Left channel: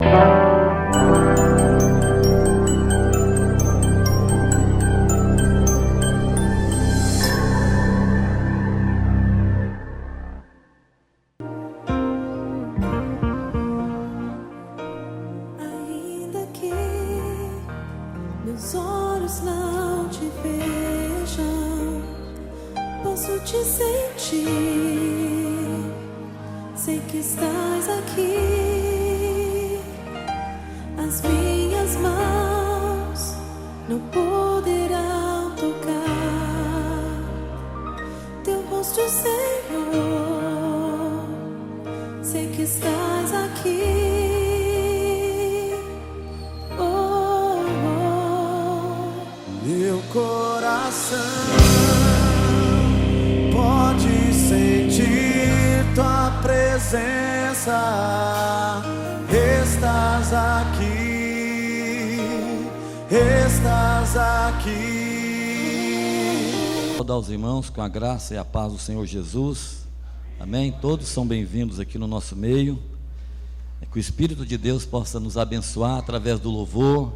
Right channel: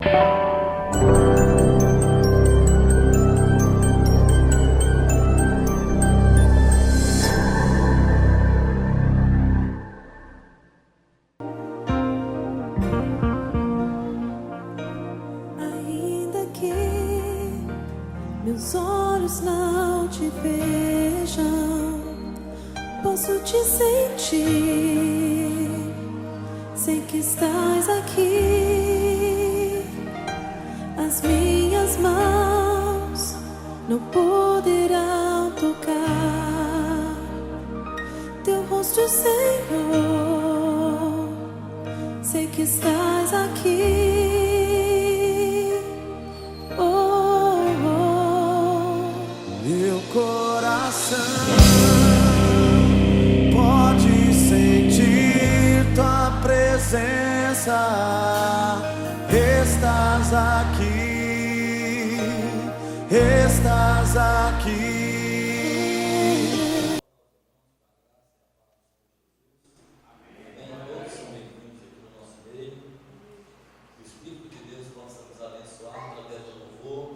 Ainda que meus olhos não te vejam, posso te sentir. Sei que estás aqui. As minhas mãos não poderão tocar teu rosto, Senhor. Sei que estás aqui. Oh, oh. Meu coração pode sentir tua presença. Estás aqui, estás aqui. Saudar os irmãos com a graça e a paz do Senhor Jesus. Amém? Todos são bem-vindos aqui no nosso meio. Que o Espírito de Deus possa nos abençoar através do louvor,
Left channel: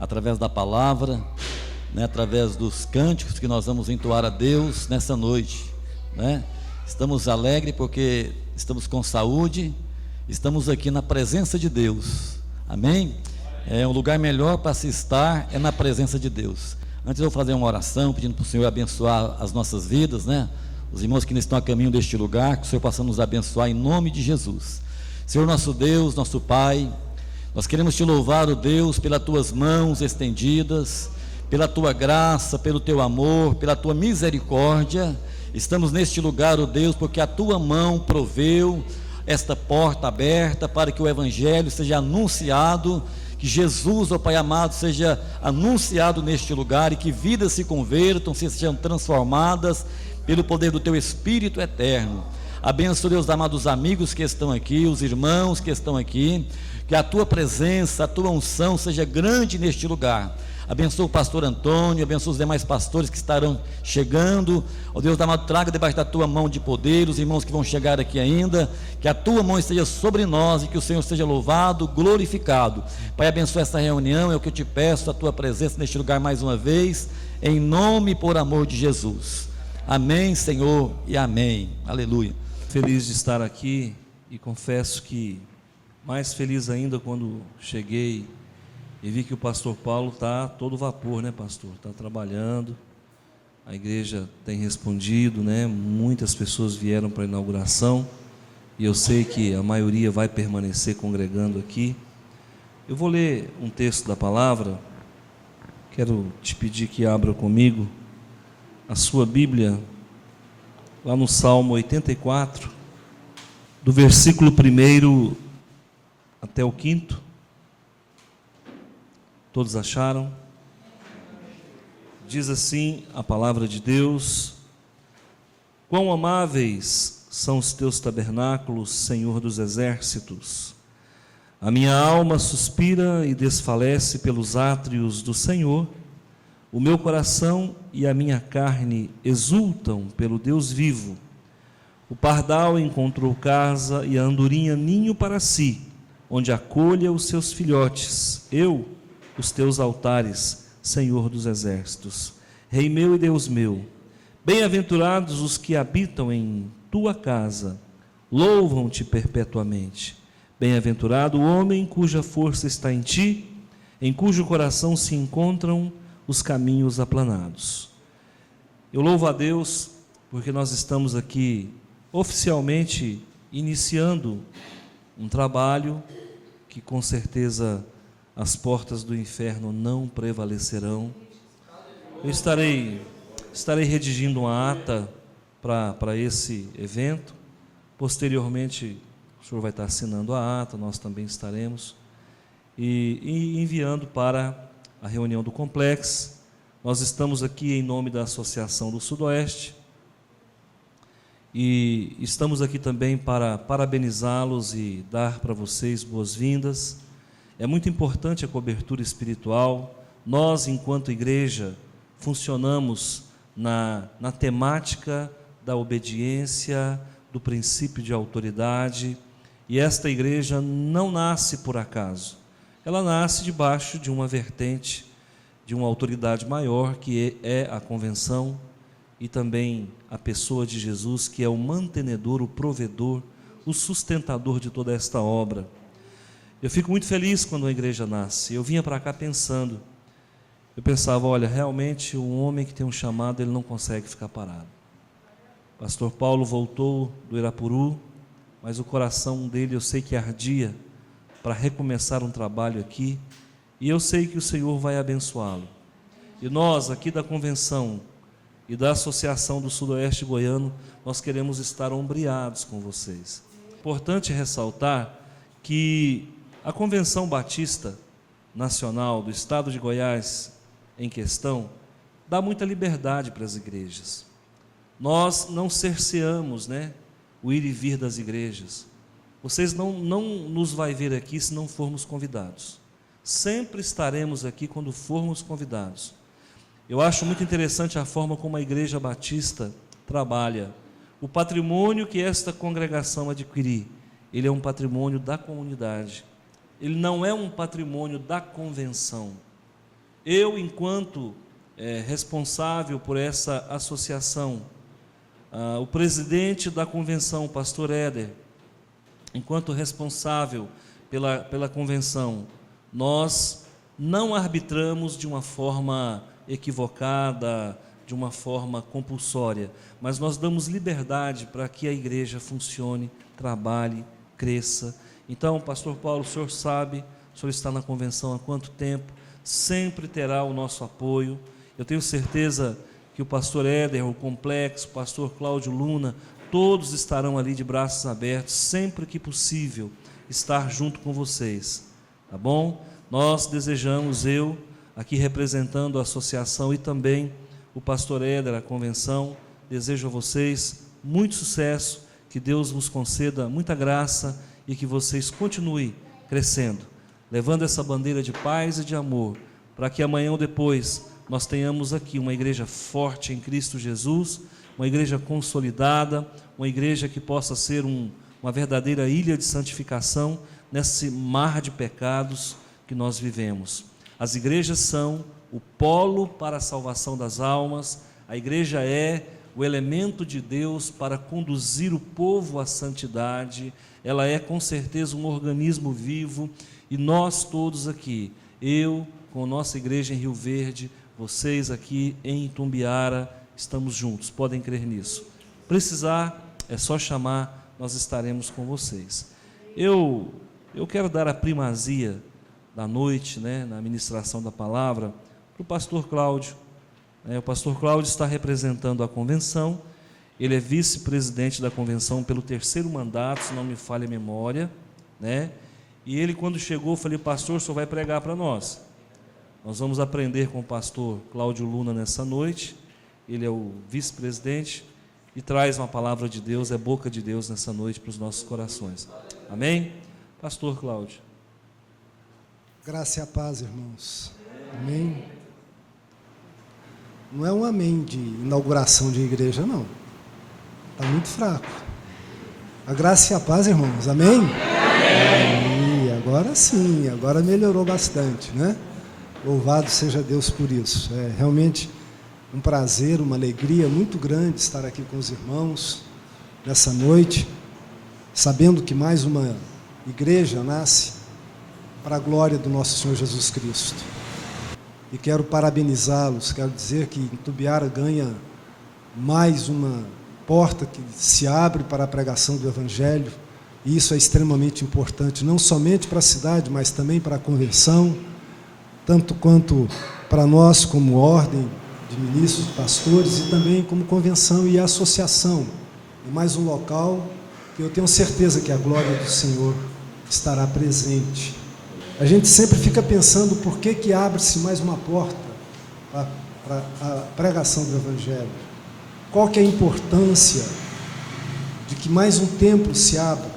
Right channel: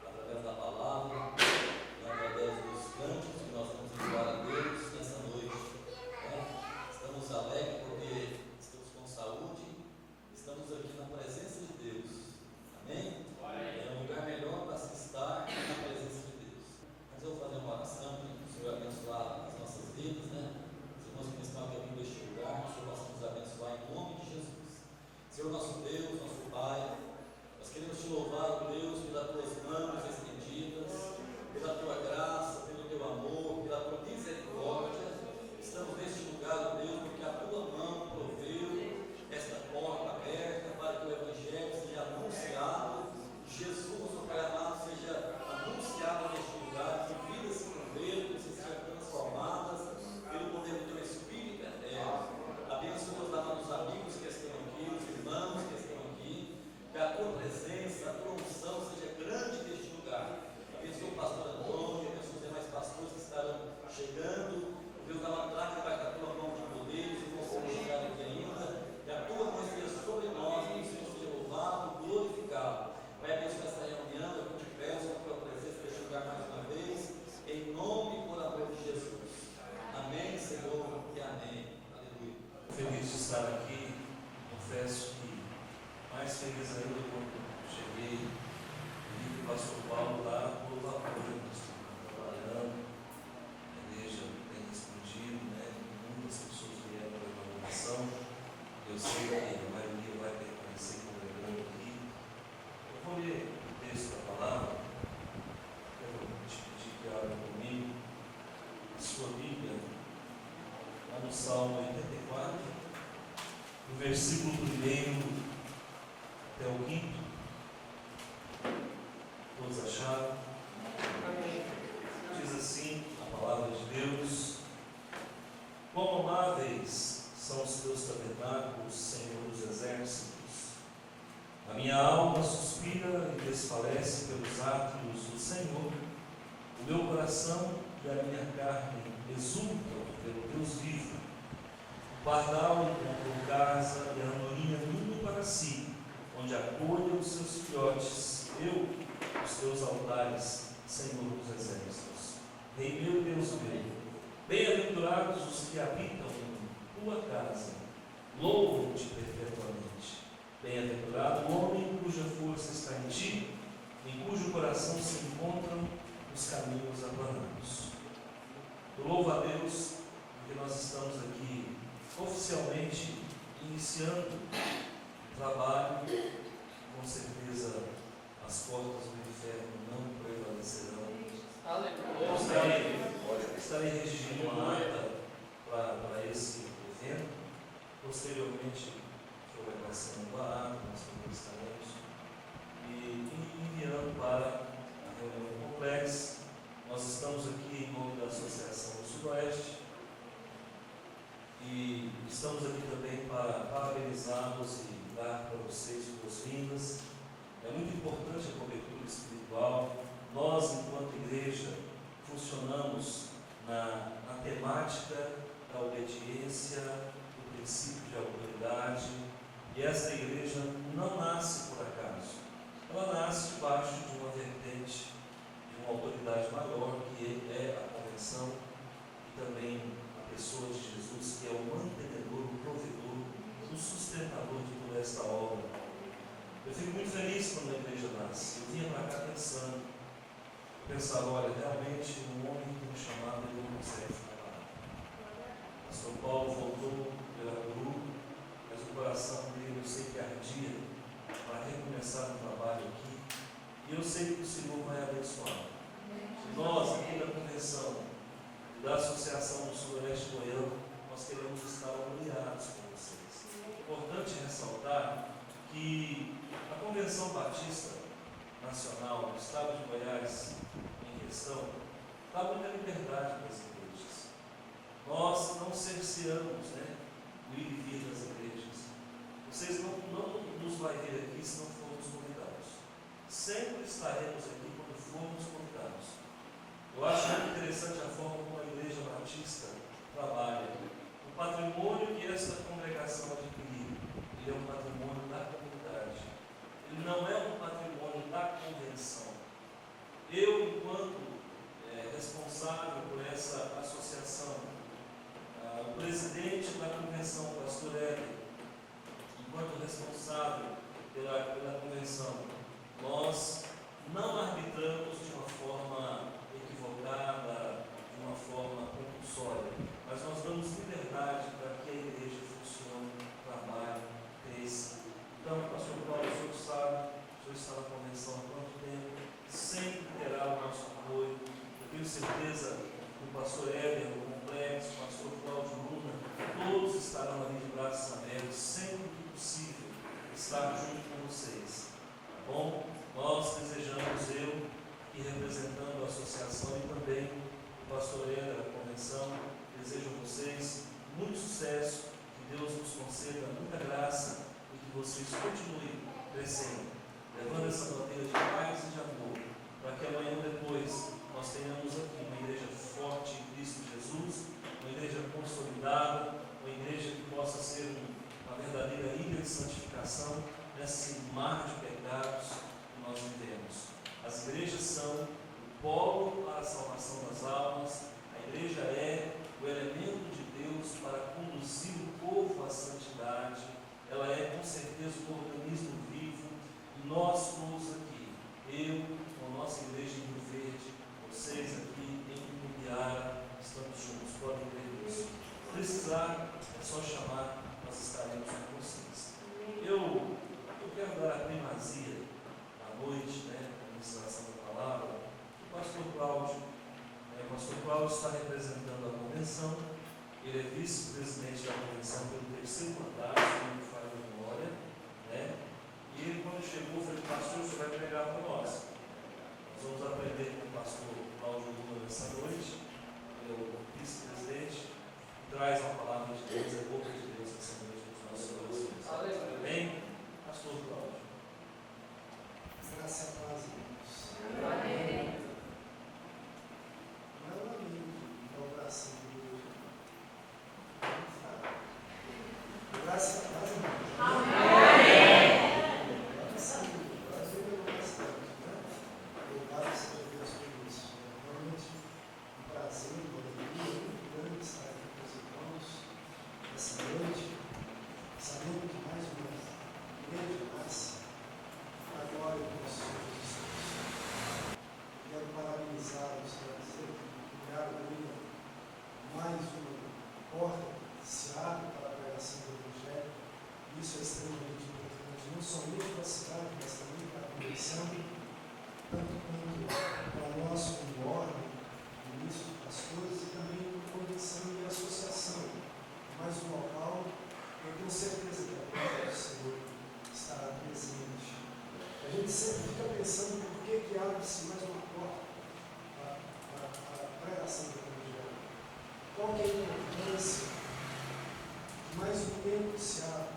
através da palavra, através dos cânticos que nós vamos entoar a Deus nessa noite, Estamos alegres porque estamos com saúde, estamos aqui na presença de Deus, amém? Um lugar melhor para se estar é na presença de Deus. Antes eu vou fazer uma oração pedindo para o Senhor abençoar as nossas vidas, os irmãos que estão a caminho deste lugar, que o Senhor possa nos abençoar em nome de Jesus. Senhor nosso Deus, nosso Pai, nós queremos te louvar, ó Deus, pelas tuas mãos estendidas, pela tua graça, pelo teu amor, pela tua misericórdia. Estamos neste lugar, ó Deus, porque a tua mão proveu esta porta aberta para que o Evangelho seja anunciado, que Jesus, ó Pai amado, seja anunciado neste lugar e que vidas se convertam, sejam transformadas pelo poder do teu Espírito eterno. Abençoa, Deus amado, os amigos que estão aqui, os irmãos que estão aqui, que a tua presença, a tua unção seja grande neste lugar. Abençoa o pastor Antônio, abençoa os demais pastores que estarão chegando. Ó Deus amado, traga debaixo da tua mão de poder os irmãos que vão chegar aqui ainda, que a tua mão esteja sobre nós e que o Senhor seja louvado, glorificado. Pai, abençoa essa reunião, é o que eu te peço, a tua presença neste lugar mais uma vez, em nome e por amor de Jesus. Amém, Senhor, e amém. Aleluia. Feliz de estar aqui e confesso que mais feliz ainda quando cheguei e vi que o pastor Paulo está todo vapor, pastor? Está trabalhando, a igreja tem respondido, Muitas pessoas vieram para a inauguração e eu sei que a maioria vai permanecer congregando aqui. Eu vou ler um texto da palavra, quero te pedir que abra comigo a sua Bíblia, lá no Salmo 84, do versículo 1 até o 5º. Todos acharam? Diz assim a palavra de Deus: quão amáveis são os teus tabernáculos, Senhor dos exércitos! A minha alma suspira e desfalece pelos átrios do Senhor. O meu coração e a minha carne exultam pelo Deus vivo. O pardal encontrou casa e a andorinha ninho para si, onde acolha os seus filhotes. Eu, os teus altares, Senhor dos exércitos, Rei meu e Deus meu. Bem-aventurados os que habitam em tua casa, louvam-te perpetuamente. Bem-aventurado o homem cuja força está em ti, em cujo coração se encontram os caminhos aplanados. Eu louvo a Deus porque nós estamos aqui oficialmente iniciando um trabalho que com certeza as portas do inferno não prevalecerão. Eu estarei redigindo uma ata para esse evento. Posteriormente o senhor vai estar assinando a ata, nós também estaremos e enviando para a reunião do Complexo. Nós estamos aqui em nome da Associação do Sudoeste e estamos aqui também para parabenizá-los e dar para vocês boas-vindas. É muito importante a cobertura espiritual. Nós, enquanto igreja, funcionamos na temática da obediência, do princípio de autoridade, E esta igreja não nasce por acaso. Ela nasce debaixo de uma vertente, de uma autoridade maior, que é a convenção, e também a pessoa de Jesus, que é o mantenedor, o provedor, o sustentador de toda esta obra. Eu fico muito feliz quando a igreja nasce. Eu vinha para cá pensando, eu pensava, olha, realmente o homem que tem um chamado, ele não consegue ficar parado. O pastor Paulo voltou do Irapuru, mas o coração dele eu sei que ardia para recomeçar um trabalho aqui, e eu sei que o Senhor vai abençoá-lo. E nós aqui da convenção e da Associação do Sudoeste Goiano, nós queremos estar ombreados com vocês. Importante ressaltar que a Convenção Batista Nacional do Estado de Goiás em questão dá muita liberdade para as igrejas. Nós não cerceamos, o ir e vir das igrejas. Vocês não nos vai ver aqui se não formos convidados. Sempre estaremos aqui quando formos convidados. Eu acho muito interessante a forma como a Igreja Batista trabalha. O patrimônio que esta congregação adquirir, ele é um patrimônio da comunidade. Ele não é um patrimônio da convenção. Eu, enquanto responsável por essa associação, o presidente da convenção, o pastor Éder, enquanto responsável pela convenção, nós não arbitramos de uma forma equivocada, de uma forma compulsória, mas nós damos liberdade para que a igreja funcione, trabalhe, cresça. Então, pastor Paulo, o senhor sabe, o senhor está na convenção há quanto tempo, sempre terá o nosso apoio. Eu tenho certeza que o pastor Éder, o Complexo, o pastor Cláudio Luna, todos estarão ali de braços abertos, sempre que possível, estar junto com vocês, tá bom? Nós desejamos, eu, aqui representando a associação, e também o pastor Éder, a convenção, desejo a vocês muito sucesso, que Deus vos conceda muita graça e que vocês continuem crescendo, levando essa bandeira de paz e de amor, para que amanhã ou depois nós tenhamos aqui uma igreja forte em Cristo Jesus, uma igreja consolidada, uma igreja que possa ser uma verdadeira ilha de santificação nesse mar de pecados que nós vivemos. As igrejas são o polo para a salvação das almas, a igreja é o elemento de Deus para conduzir o povo à santidade, ela é com certeza um organismo vivo, e nós todos aqui, eu com a nossa igreja em Rio Verde, vocês aqui em Itumbiara, estamos juntos, podem crer nisso. Precisar, é só chamar, nós estaremos com vocês. Eu quero dar a primazia da noite, na ministração da palavra, para o pastor Cláudio. O pastor Cláudio está representando a convenção, ele é vice-presidente da convenção pelo 3º mandato, se não me falha a memória, e ele, quando chegou, eu falei, pastor, o senhor vai pregar para nós. Nós vamos aprender com o pastor Cláudio Luna nessa noite, ele é o vice-presidente, e traz uma palavra de Deus, é boca de Deus nessa noite para os nossos corações. Amém? Pastor Cláudio. Graça e a paz, irmãos. Amém. Não é um amém de inauguração de igreja, não. Está muito fraco. A graça e a paz, irmãos. Amém? Amém. Agora sim, agora melhorou bastante, Louvado seja Deus por isso. É realmente um prazer, uma alegria muito grande estar aqui com os irmãos nessa noite, sabendo que mais uma igreja nasce para a glória do nosso Senhor Jesus Cristo. E quero parabenizá-los, quero dizer que Itumbiara ganha mais uma porta que se abre para a pregação do Evangelho, e isso é extremamente importante, não somente para a cidade, mas também para a convenção, tanto quanto para nós como ordem de ministros, pastores, e também como convenção e associação, e mais um local que eu tenho certeza que a glória do Senhor estará presente. A gente sempre fica pensando por que abre-se mais uma porta para a pregação do Evangelho. Qual que é a importância de que mais um templo se abra,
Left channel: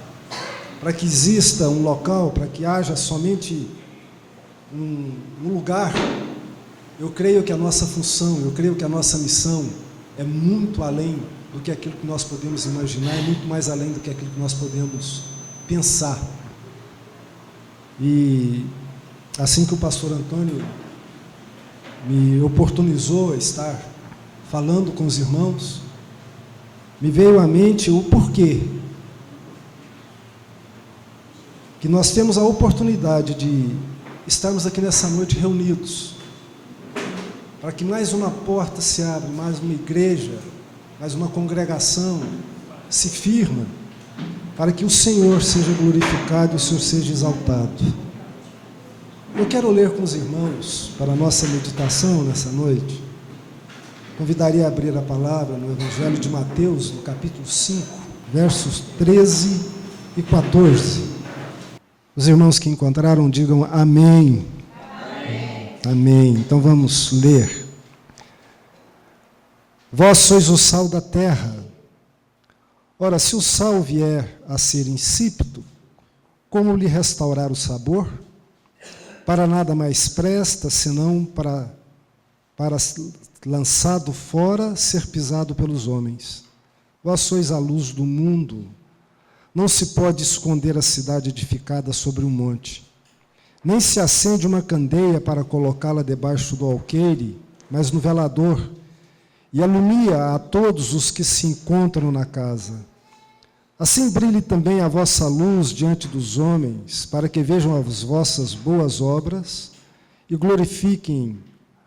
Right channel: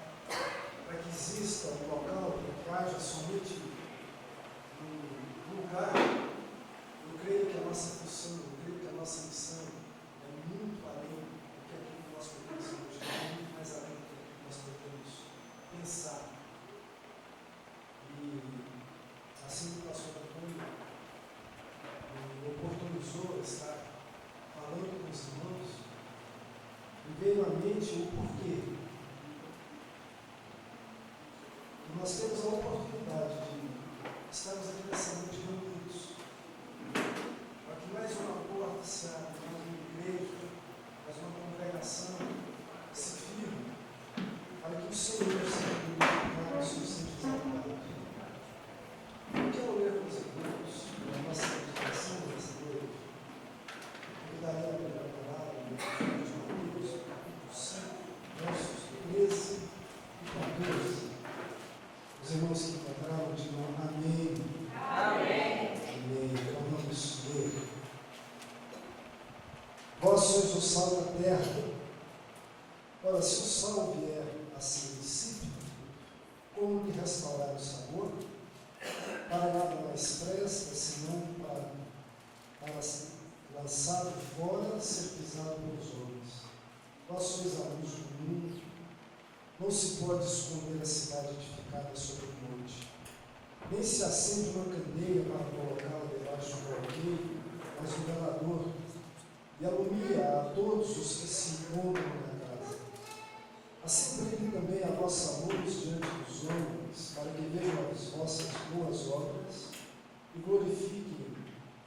para que exista um local, para que haja somente um lugar. Eu creio que a nossa função, eu creio que a nossa missão é muito além do que aquilo que nós podemos imaginar, é muito mais além do que aquilo que nós podemos pensar. E assim que o pastor Antônio me oportunizou a estar falando com os irmãos, me veio à mente o porquê que nós temos a oportunidade de estarmos aqui nessa noite reunidos, para que mais uma porta se abra, mais uma igreja, mais uma congregação se firma, para que o Senhor seja glorificado e o Senhor seja exaltado. Eu quero ler com os irmãos, para a nossa meditação nessa noite, convidaria a abrir a palavra no Evangelho de Mateus, no capítulo 5, versos 13 e 14. Os irmãos que encontraram, digam amém. Amém. Amém. Então vamos ler. Vós sois o sal da terra. Ora, se o sal vier a ser insípido, como lhe restaurar o sabor? Para nada mais presta, senão para lançado fora, ser pisado pelos homens. Vós sois a luz do mundo. Não se pode esconder a cidade edificada sobre um monte. Nem se acende uma candeia para colocá-la debaixo do alqueire, mas no velador, e alumia a todos os que se encontram na casa. Assim brilhe também a vossa luz diante dos homens, para que vejam as vossas boas obras e glorifiquem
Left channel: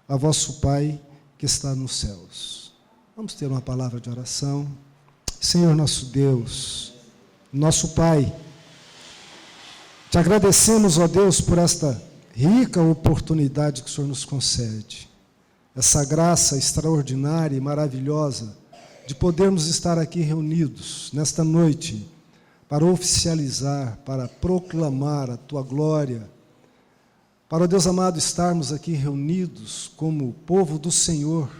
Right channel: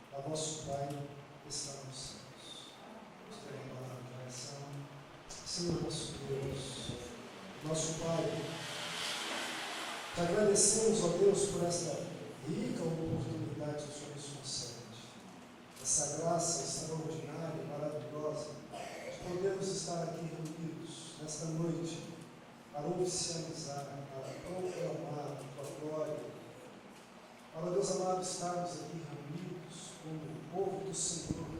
a vosso Pai que está nos céus. Vamos ter uma palavra de oração. Senhor nosso Deus, nosso Pai, te agradecemos, ó Deus, por esta rica oportunidade que o Senhor nos concede, essa graça extraordinária e maravilhosa de podermos estar aqui reunidos nesta noite para oficializar, para proclamar a Tua glória, para, ó Deus amado, estarmos aqui reunidos como povo do Senhor,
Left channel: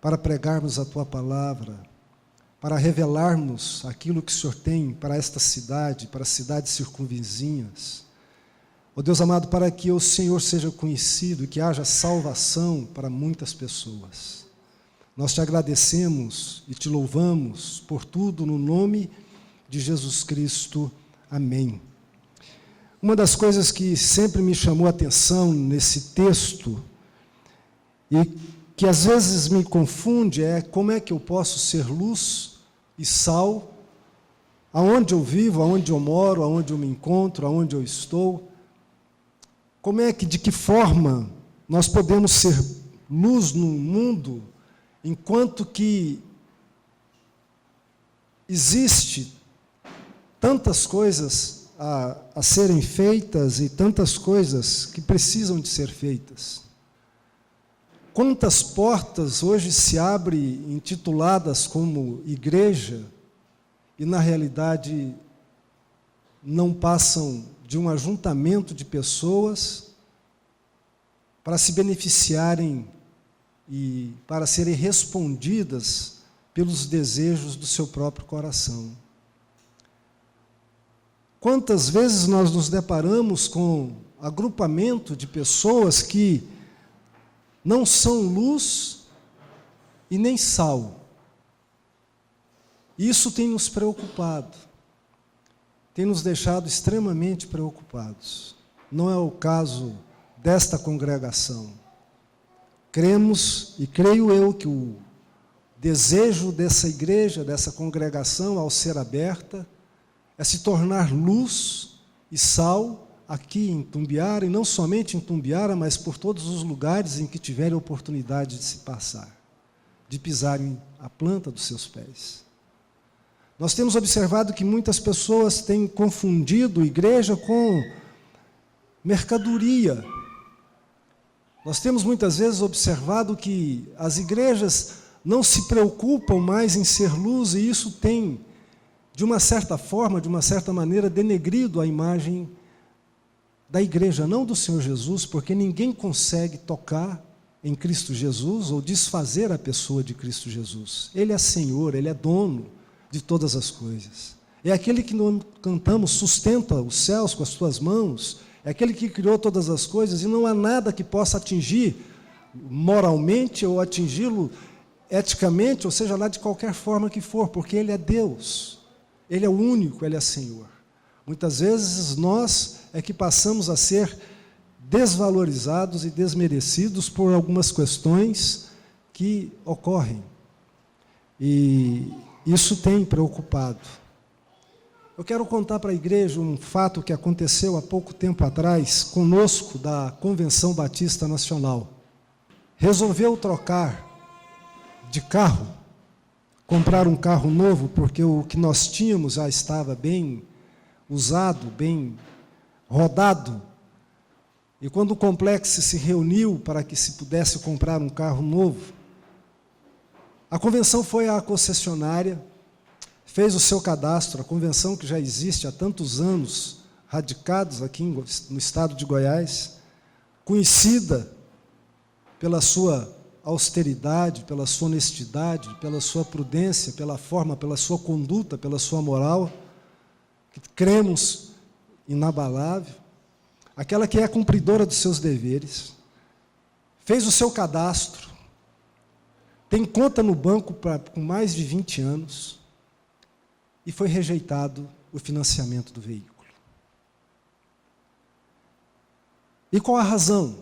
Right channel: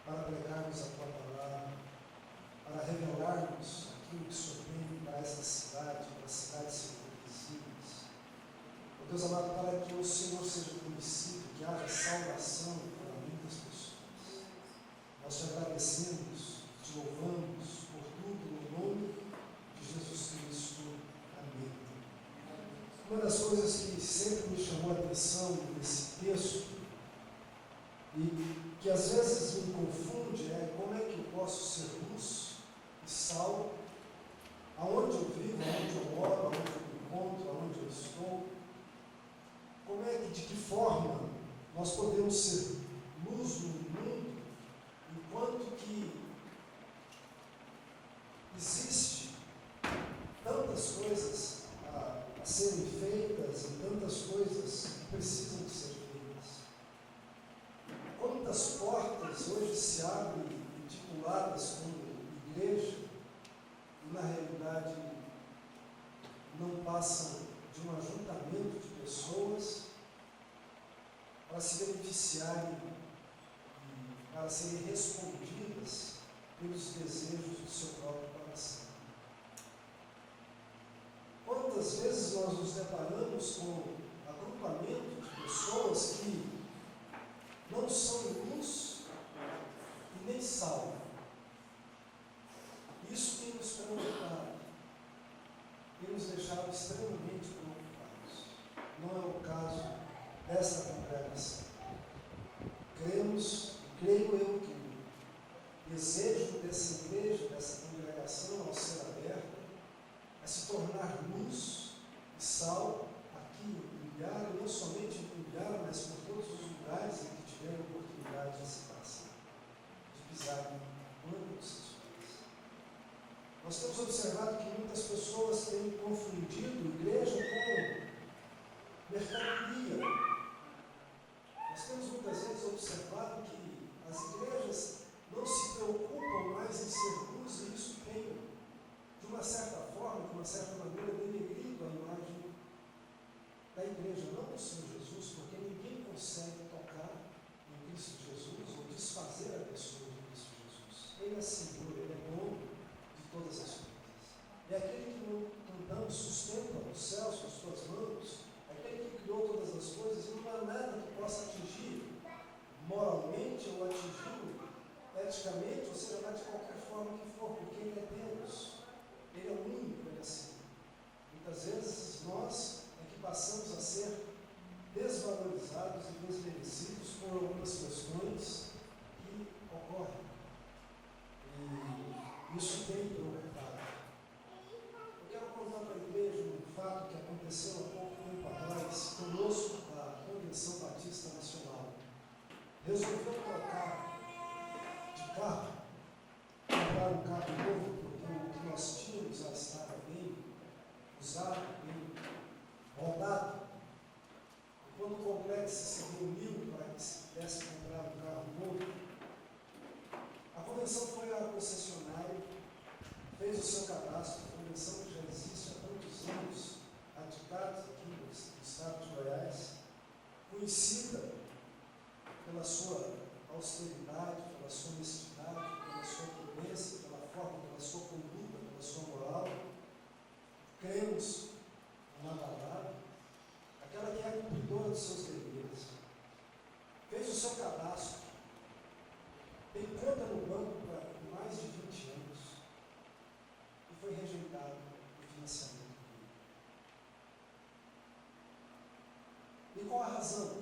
para pregarmos a Tua palavra, para revelarmos aquilo que o Senhor tem para esta cidade, para as cidades circunvizinhas. Ó Deus amado, para que o Senhor seja conhecido e que haja salvação para muitas pessoas. Nós te agradecemos e te louvamos por tudo no nome de Jesus Cristo. Amém. Uma das coisas que sempre me chamou a atenção nesse texto e que às vezes me confunde é como é que eu posso ser luz e sal aonde eu vivo, aonde eu moro, aonde eu me encontro, aonde eu estou. Como é que, de que forma nós podemos ser luz no mundo enquanto que existe tantas coisas a serem feitas e tantas coisas que precisam de ser feitas? Quantas portas hoje se abrem intituladas como igreja e, na realidade, não passam de um ajuntamento de pessoas para se beneficiarem e para serem respondidas pelos desejos do seu próprio coração. Quantas vezes nós nos deparamos com agrupamento de pessoas que não são luz e nem sal. Isso tem nos preocupado, tem nos deixado extremamente preocupados. Não é o caso desta congregação. Cremos e creio eu que o desejo dessa igreja, dessa congregação, ao ser aberta, é se tornar luz e sal aqui em Tumbiara, e não somente em Tumbiara, mas por todos os lugares em que tiverem oportunidade de se passar, de pisarem a planta dos seus pés. Nós temos observado que muitas pessoas têm confundido igreja com mercadoria. Nós temos muitas vezes observado que as igrejas não se preocupam mais em ser luz, e isso tem, de uma certa forma, de uma certa maneira, denegrido a imagem da igreja, não do Senhor Jesus, porque ninguém consegue tocar em Cristo Jesus ou desfazer a pessoa de Cristo Jesus. Ele é Senhor, Ele é dono de todas as coisas. É aquele que nós cantamos, sustenta os céus com as tuas mãos, é aquele que criou todas as coisas, e não há nada que possa atingir moralmente ou atingi-lo eticamente, ou seja lá de qualquer forma que for, porque Ele é Deus, Ele é o único, Ele é Senhor. Muitas vezes nós é que passamos a ser desvalorizados e desmerecidos por algumas questões que ocorrem. E isso tem preocupado. Eu quero contar para a igreja um fato que aconteceu há pouco tempo atrás, conosco, da Convenção Batista Nacional. Resolveu trocar de carro, comprar um carro novo, porque o que nós tínhamos já estava bem usado, bem rodado. E quando o complexo se reuniu para que se pudesse comprar um carro novo, a convenção foi à concessionária, fez o seu cadastro, a convenção que já existe há tantos anos, radicados aqui no estado de Goiás, conhecida pela sua austeridade, pela sua honestidade, pela sua prudência, pela forma, pela sua conduta, pela sua moral, que cremos inabalável, aquela que é cumpridora dos seus deveres, fez o seu cadastro, tem conta no banco com mais de 20 anos, e foi rejeitado o financiamento do veículo. E qual a razão?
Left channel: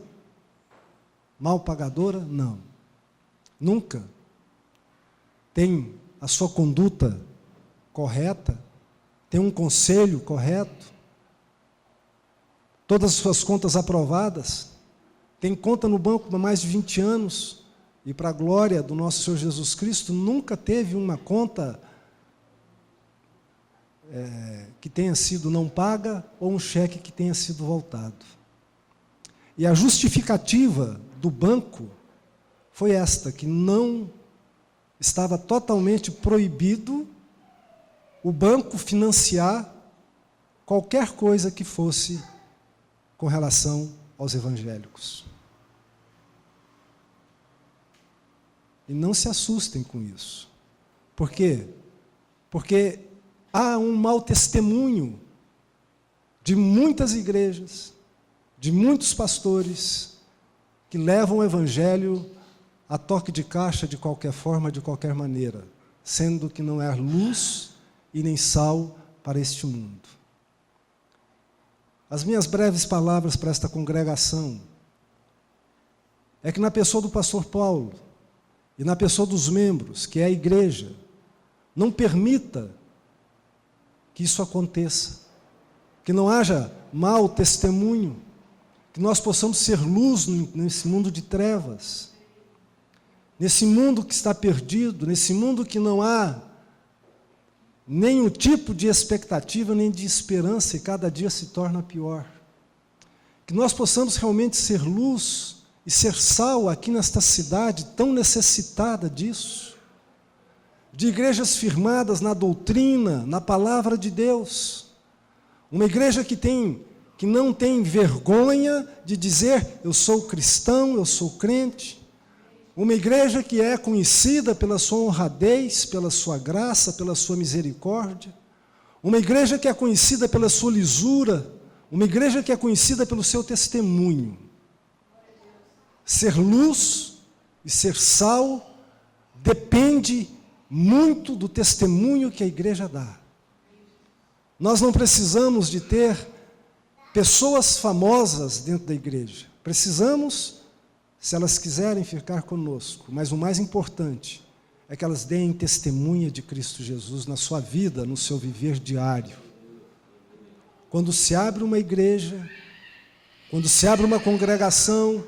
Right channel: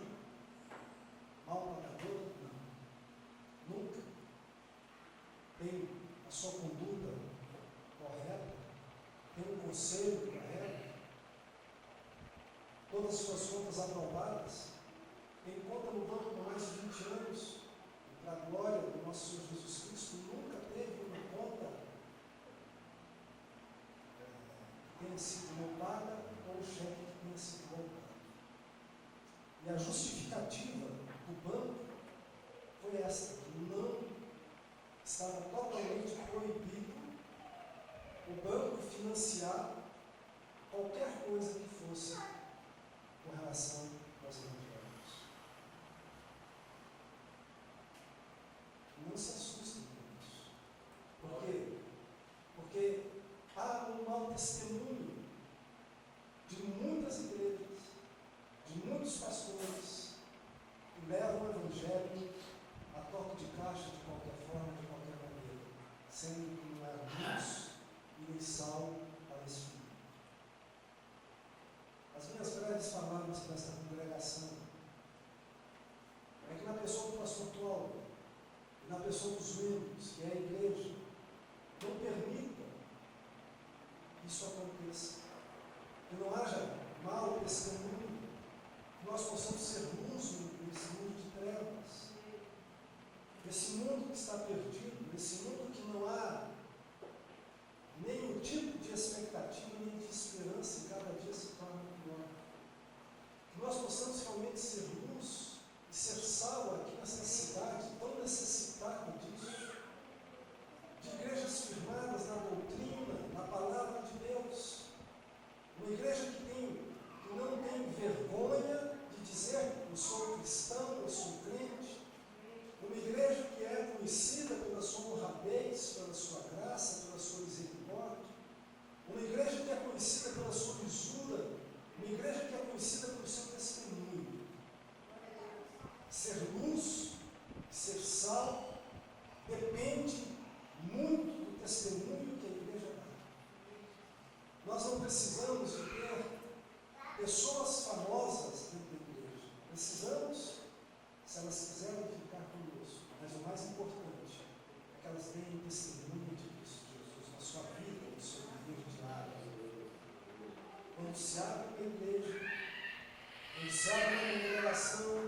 Mal pagadora? Não. Nunca. Tem a sua conduta correta, tem um conselho correto, todas as suas contas aprovadas, tem conta no banco há mais de 20 anos, e para a glória do nosso Senhor Jesus Cristo, nunca teve uma conta que tenha sido não paga ou um cheque que tenha sido voltado. E a justificativa do banco foi esta, que não estava totalmente proibido o banco financiar qualquer coisa que fosse com relação aos evangélicos. E não se assustem com isso. Por quê? Porque há um mau testemunho de muitas igrejas, de muitos pastores, que levam o evangelho a toque de caixa de qualquer forma, de qualquer maneira, sendo que não é luz e nem sal para este mundo. As minhas breves palavras para esta congregação é que na pessoa do pastor Paulo e na pessoa dos membros, que é a igreja, não permita que isso aconteça, que não haja mau testemunho, que nós possamos ser luz nesse mundo de trevas, nesse mundo que está perdido, nesse mundo que não há nenhum tipo de expectativa, nem de esperança, e cada dia se torna pior. Que nós possamos realmente ser luz e ser sal aqui nesta cidade tão necessitada disso, de igrejas firmadas na doutrina, na palavra de Deus, uma igreja que não tem vergonha de dizer, eu sou cristão, eu sou crente, uma igreja que é conhecida pela sua honradez, pela sua graça, pela sua misericórdia, uma igreja que é conhecida pela sua lisura, uma igreja que é conhecida pelo seu testemunho. Ser luz e ser sal depende muito do testemunho que a igreja dá. Nós não precisamos de ter pessoas famosas dentro da igreja. Precisamos, se elas quiserem ficar conosco, mas o mais importante é que elas deem testemunha de Cristo Jesus na sua vida, no seu viver diário. Quando se abre uma igreja, quando se abre uma congregação,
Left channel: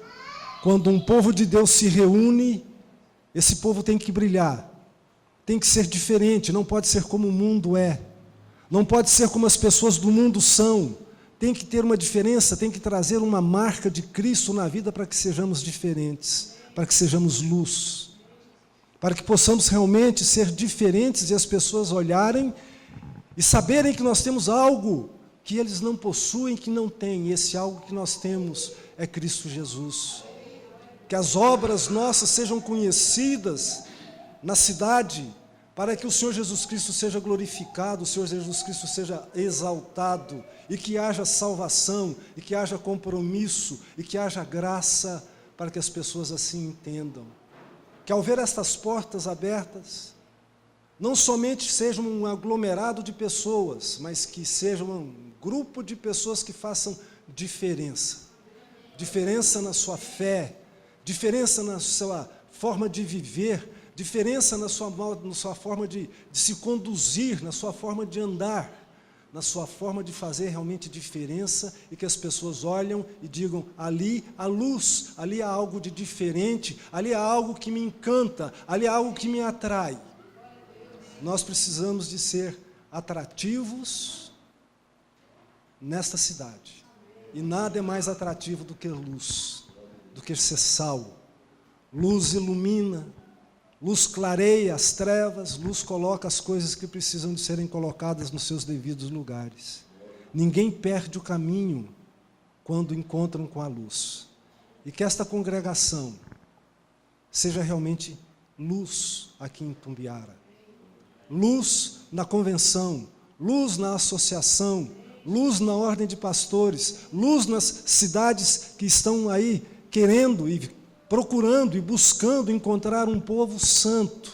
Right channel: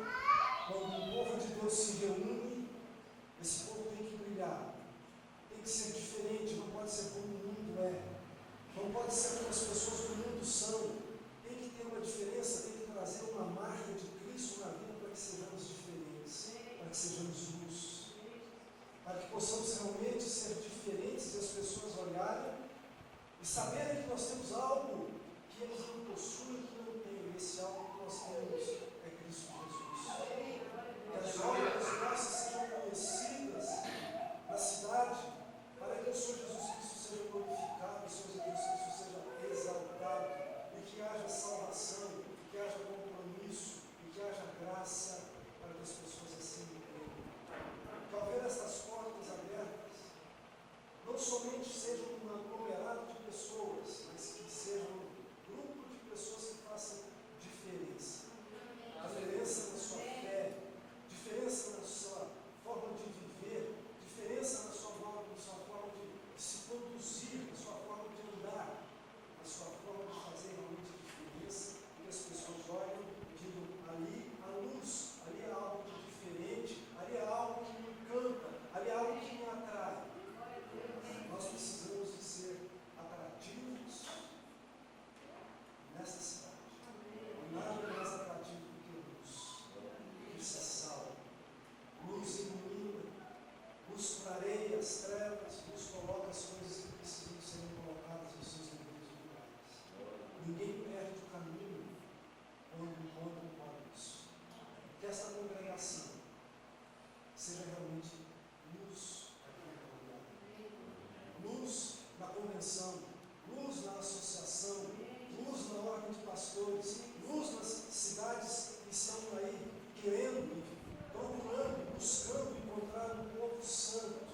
quando um povo de Deus se reúne, esse povo tem que brilhar, tem que ser diferente, não pode ser como o mundo é, não pode ser como as pessoas do mundo são, tem que ter uma diferença, tem que trazer uma marca de Cristo na vida para que sejamos diferentes, para que sejamos luz, para que possamos realmente ser diferentes e as pessoas olharem e saberem que nós temos algo que eles não possuem, que não têm, e esse algo que nós temos é Cristo Jesus. Que as obras nossas sejam conhecidas na cidade, para que o Senhor Jesus Cristo seja glorificado, o Senhor Jesus Cristo seja exaltado, e que haja salvação, e que haja compromisso, e que haja graça, para que as pessoas assim entendam. Que ao ver estas portas abertas, não somente seja um aglomerado de pessoas, mas que sejam grupo de pessoas que façam diferença. Diferença na sua fé, diferença na sua forma de viver, diferença na sua forma de se conduzir, na sua forma de andar, na sua forma de fazer realmente diferença, e que as pessoas olham e digam: ali há luz, ali há algo de diferente, ali há algo que me encanta, ali há algo que me atrai. Nós precisamos de ser atrativos nesta cidade, e nada é mais atrativo do que luz, do que ser sal. Luz ilumina, luz clareia as trevas, luz coloca as coisas que precisam de serem colocadas nos seus devidos lugares. Ninguém perde o caminho quando encontram com a luz. E que esta congregação seja realmente luz aqui em Tumbiara. Luz na convenção, luz na associação, luz na ordem de pastores, luz nas cidades que estão aí querendo e procurando e buscando encontrar um povo santo,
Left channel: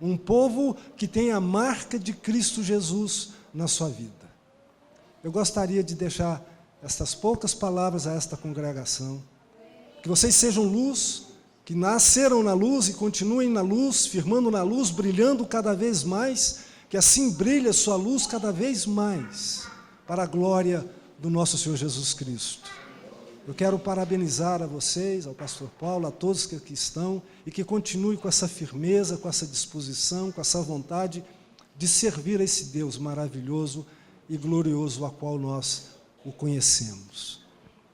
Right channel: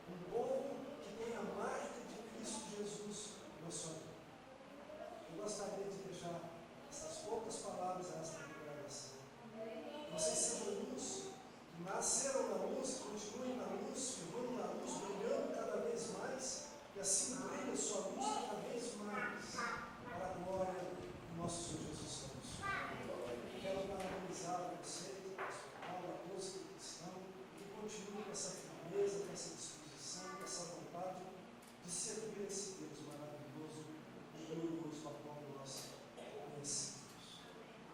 um povo que tem a marca de Cristo Jesus na sua vida. Eu gostaria de deixar estas poucas palavras a esta congregação, que vocês sejam luz, que nasceram na luz e continuem na luz, firmando na luz, brilhando cada vez mais, que assim brilhe a sua luz cada vez mais, para a glória do nosso Senhor Jesus Cristo. Eu quero parabenizar a vocês, ao pastor Paulo, a todos que aqui estão, e que continue com essa firmeza, com essa disposição, com essa vontade de servir a esse Deus maravilhoso e glorioso a qual nós o conhecemos.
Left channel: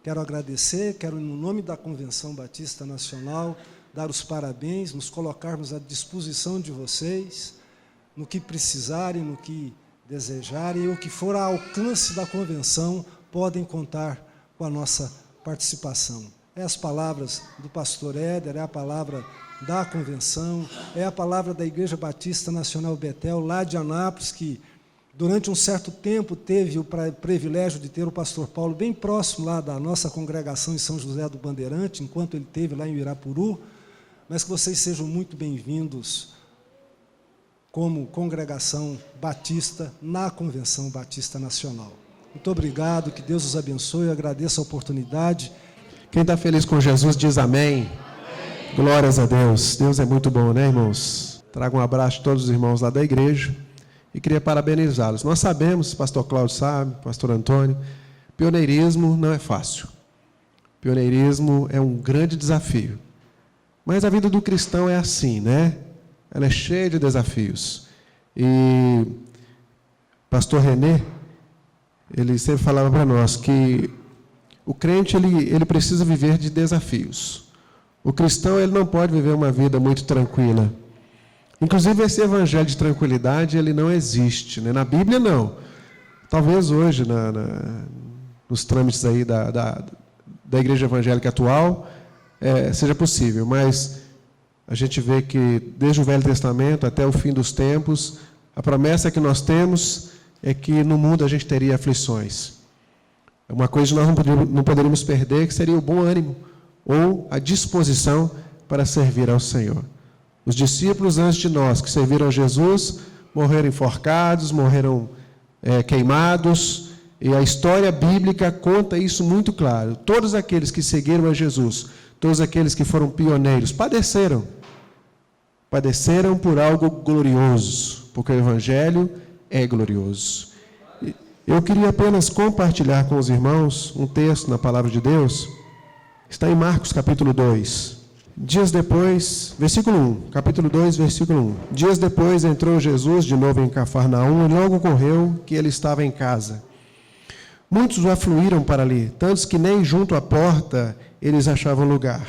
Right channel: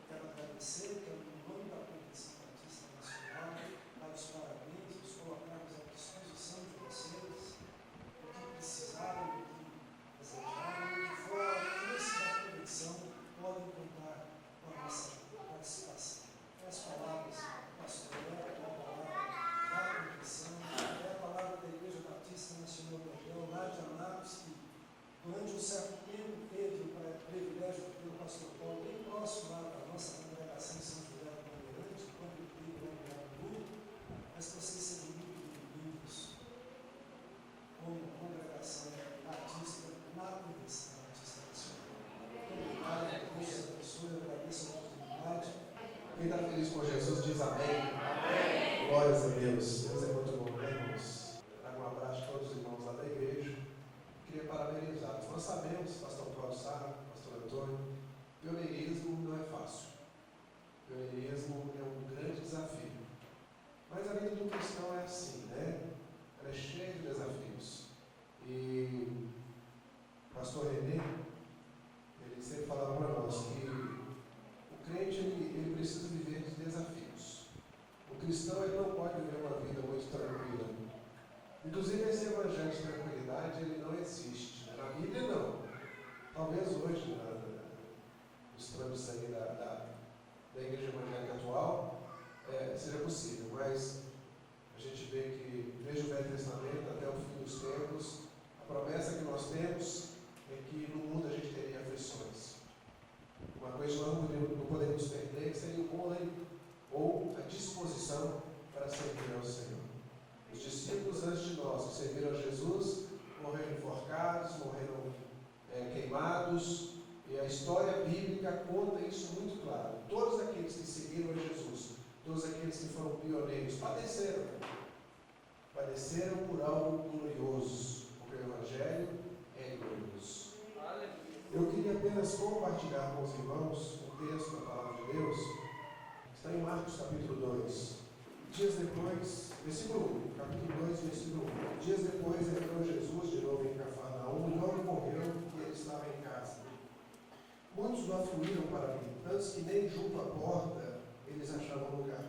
Quero agradecer, quero, no nome da Convenção Batista Nacional, dar os parabéns, nos colocarmos à disposição de vocês, no que precisarem, no que desejarem, e o que for ao alcance da convenção, podem contar com a nossa participação. É as palavras do pastor Éder, é a palavra da convenção, é a palavra da Igreja Batista Nacional Betel, lá de Anápolis, que durante um certo tempo teve o privilégio de ter o pastor Paulo bem próximo lá da nossa congregação em São José do Bandeirante, enquanto ele esteve lá em Irapuru, mas que vocês sejam muito bem-vindos como congregação batista na Convenção Batista Nacional. Muito obrigado, que Deus os abençoe, eu agradeço a oportunidade. Quem está feliz com Jesus diz amém. Amém. Glórias a Deus. Deus é muito bom, né, irmãos? Trago um abraço a todos os irmãos lá da igreja e queria parabenizá-los. Nós sabemos, pastor Cláudio sabe, pastor Antônio, pioneirismo não é fácil. Pioneirismo é um grande desafio. Mas a vida do cristão é assim, né? Ela é cheia de desafios. E pastor René, ele sempre falava para nós que o crente ele precisa viver de desafios. O cristão ele não pode viver uma vida muito tranquila. Inclusive esse evangelho de tranquilidade ele não existe, né? Na Bíblia não. Talvez hoje nos trâmites aí da igreja evangélica atual seja possível, mas a gente vê que desde o Velho Testamento até o fim dos tempos, a promessa que nós temos é que no mundo a gente teria aflições. Uma coisa que nós não poderíamos perder, que seria o bom ânimo ou a disposição para servir ao Senhor. Os discípulos antes de nós, que serviram a Jesus, morreram enforcados, morreram queimados, e a história bíblica conta isso muito claro. Todos aqueles que seguiram a Jesus, todos aqueles que foram pioneiros, padeceram por algo glorioso, porque o Evangelho é glorioso. Eu queria apenas compartilhar com os irmãos um texto na Palavra de Deus, está em Marcos capítulo 2. Dias depois, versículo 1, capítulo 2, versículo 1. Dias depois entrou Jesus de novo em Cafarnaum e logo ocorreu que ele estava em casa. Muitos o afluíram para ali, tantos que nem junto à porta eles achavam lugar.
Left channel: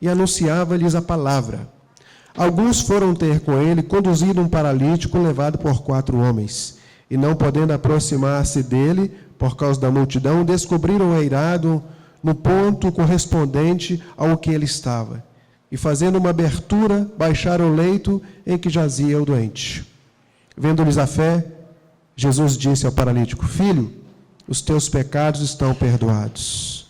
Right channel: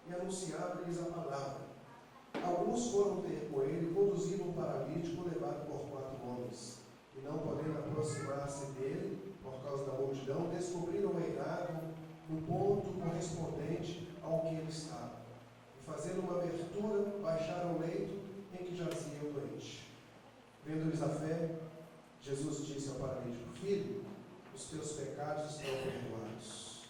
E anunciava-lhes a palavra. Alguns foram ter com ele, conduzido um paralítico levado por 4 homens. E não podendo aproximar-se dele, por causa da multidão, descobriram o eirado no ponto correspondente ao que ele estava. E fazendo uma abertura, baixaram o leito em que jazia o doente. Vendo-lhes a fé, Jesus disse ao paralítico: Filho, os teus pecados estão perdoados.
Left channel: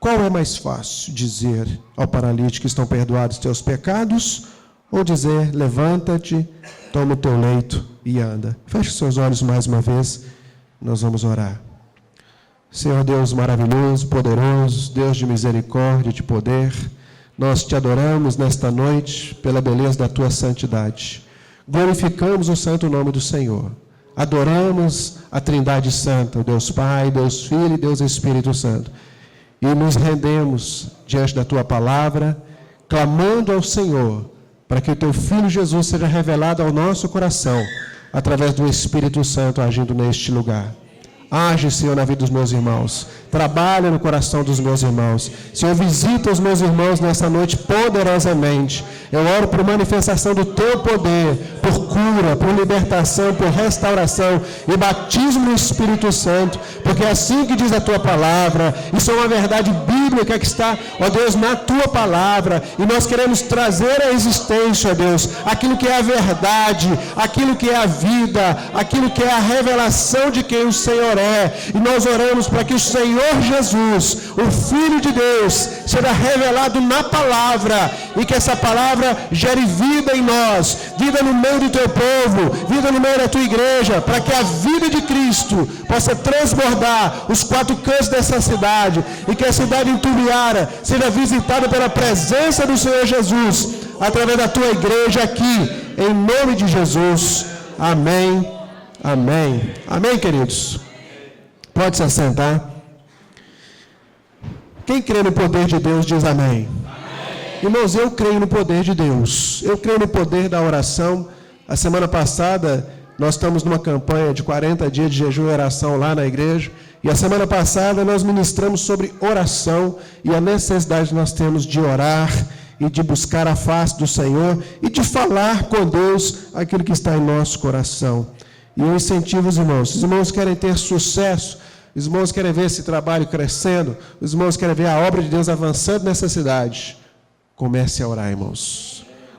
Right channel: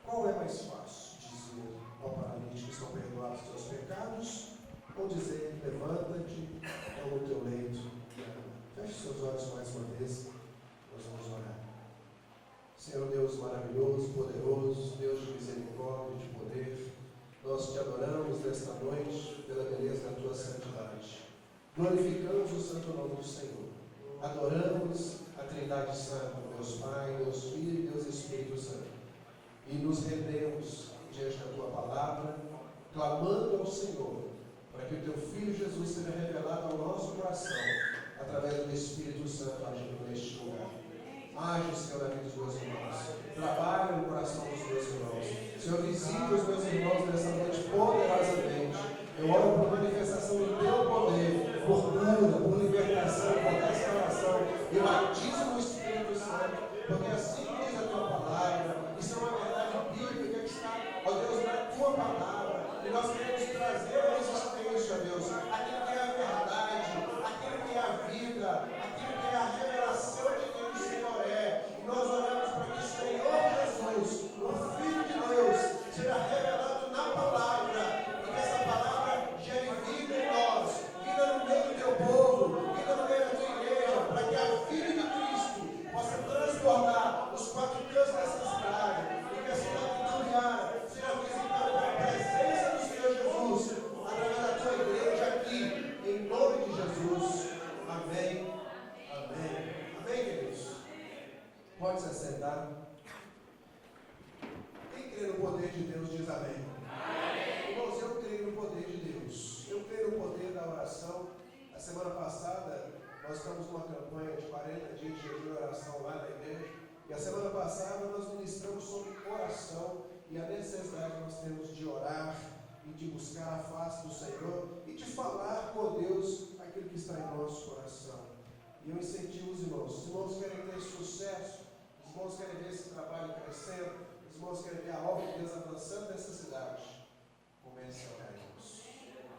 Qual é mais fácil, dizer ao paralítico: estão perdoados os teus pecados, ou dizer: levanta-te, toma o teu leito e anda? Feche seus olhos mais uma vez, nós vamos orar. Senhor Deus maravilhoso, poderoso, Deus de misericórdia e de poder, nós te adoramos nesta noite pela beleza da tua santidade. Glorificamos o santo nome do Senhor. Adoramos a Trindade Santa, o Deus Pai, Deus Filho e Deus Espírito Santo. E nos rendemos diante da tua palavra, clamando ao Senhor, para que o teu Filho Jesus seja revelado ao nosso coração, através do Espírito Santo agindo neste lugar. Age, Senhor, na vida dos meus irmãos. Trabalha no coração dos meus irmãos. Senhor, visita os meus irmãos nessa noite poderosamente. Eu oro por manifestação do teu poder, por cura, por libertação, por restauração e batismo no Espírito Santo, porque é assim que diz a tua palavra. Isso é uma verdade bíblica que está, ó Deus, na tua palavra. E nós queremos trazer à existência, ó Deus, aquilo que é a verdade, aquilo que é a vida, aquilo que é a revelação de quem o Senhor é. E nós oramos para que o Senhor Jesus, o Filho de Deus, seja revelado na palavra e que essa palavra gere vida em nós, vida no meio do teu povo, vida no meio da tua igreja, para que a vida de Cristo possa transbordar os quatro cantos dessa cidade e que a cidade em seja visitada pela presença do Senhor Jesus através da tua igreja aqui, em nome de Jesus. Amém, amém, amém, queridos. Pode se assentar. Quem crê no poder de Deus diz amém. Irmãos, eu creio no poder de Deus. Eu creio no poder da oração. A semana passada, nós estamos numa campanha de 40 dias de jejum e oração lá na igreja. E a semana passada nós ministramos sobre oração e a necessidade que nós temos de orar e de buscar a face do Senhor e de falar com Deus aquilo que está em nosso coração. E eu incentivo os irmãos. Se os irmãos querem ter sucesso, os irmãos querem ver esse trabalho crescendo, os irmãos querem ver a obra de Deus avançando nessa cidade, comece a orar, irmãos.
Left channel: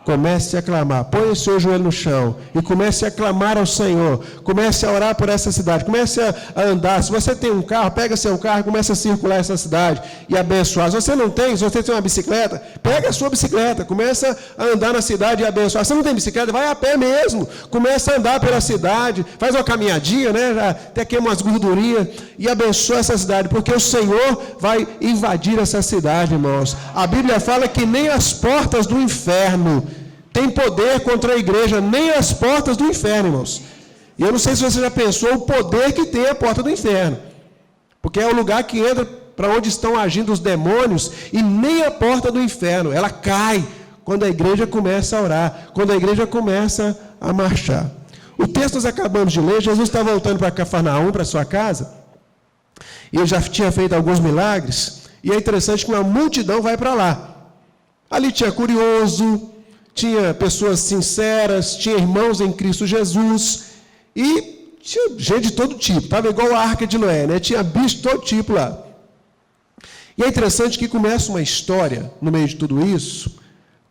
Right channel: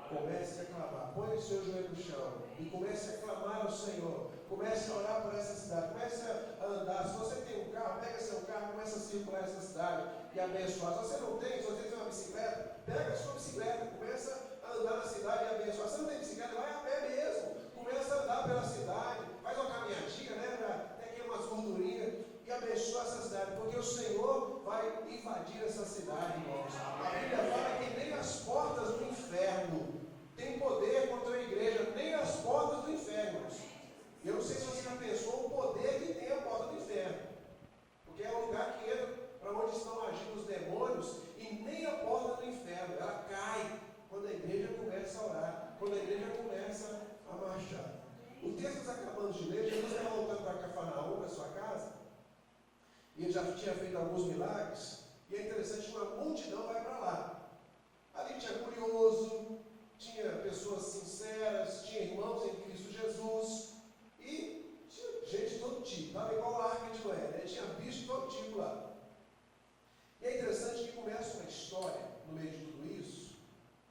Comece a clamar, põe o seu joelho no chão e comece a clamar ao Senhor. Comece a orar por essa cidade, comece a andar. Se você tem um carro, pega seu carro e comece a circular essa cidade e abençoar. Se você não tem, se você tem uma bicicleta, pega a sua bicicleta, começa a andar na cidade e abençoar. Se você não tem bicicleta, vai a pé mesmo, começa a andar pela cidade, faz uma caminhadinha, né? Já até queima umas gordurinhas e abençoa essa cidade, porque o Senhor vai invadir essa cidade, irmãos. A Bíblia fala que nem as portas do inferno tem poder contra a igreja, nem as portas do inferno, irmãos. E eu não sei se você já pensou o poder que tem a porta do inferno. Porque é o lugar que entra para onde estão agindo os demônios, e nem a porta do inferno, ela cai quando a igreja começa a orar, quando a igreja começa a marchar. O texto nós acabamos de ler, Jesus está voltando para Cafarnaum, para sua casa, e ele já tinha feito alguns milagres, e é interessante que uma multidão vai para lá. Ali tinha curioso, tinha pessoas sinceras, tinha irmãos em Cristo Jesus, e tinha gente de todo tipo, estava igual a Arca de Noé, né? Tinha bicho de todo tipo lá. E é interessante que começa uma história no meio de tudo isso.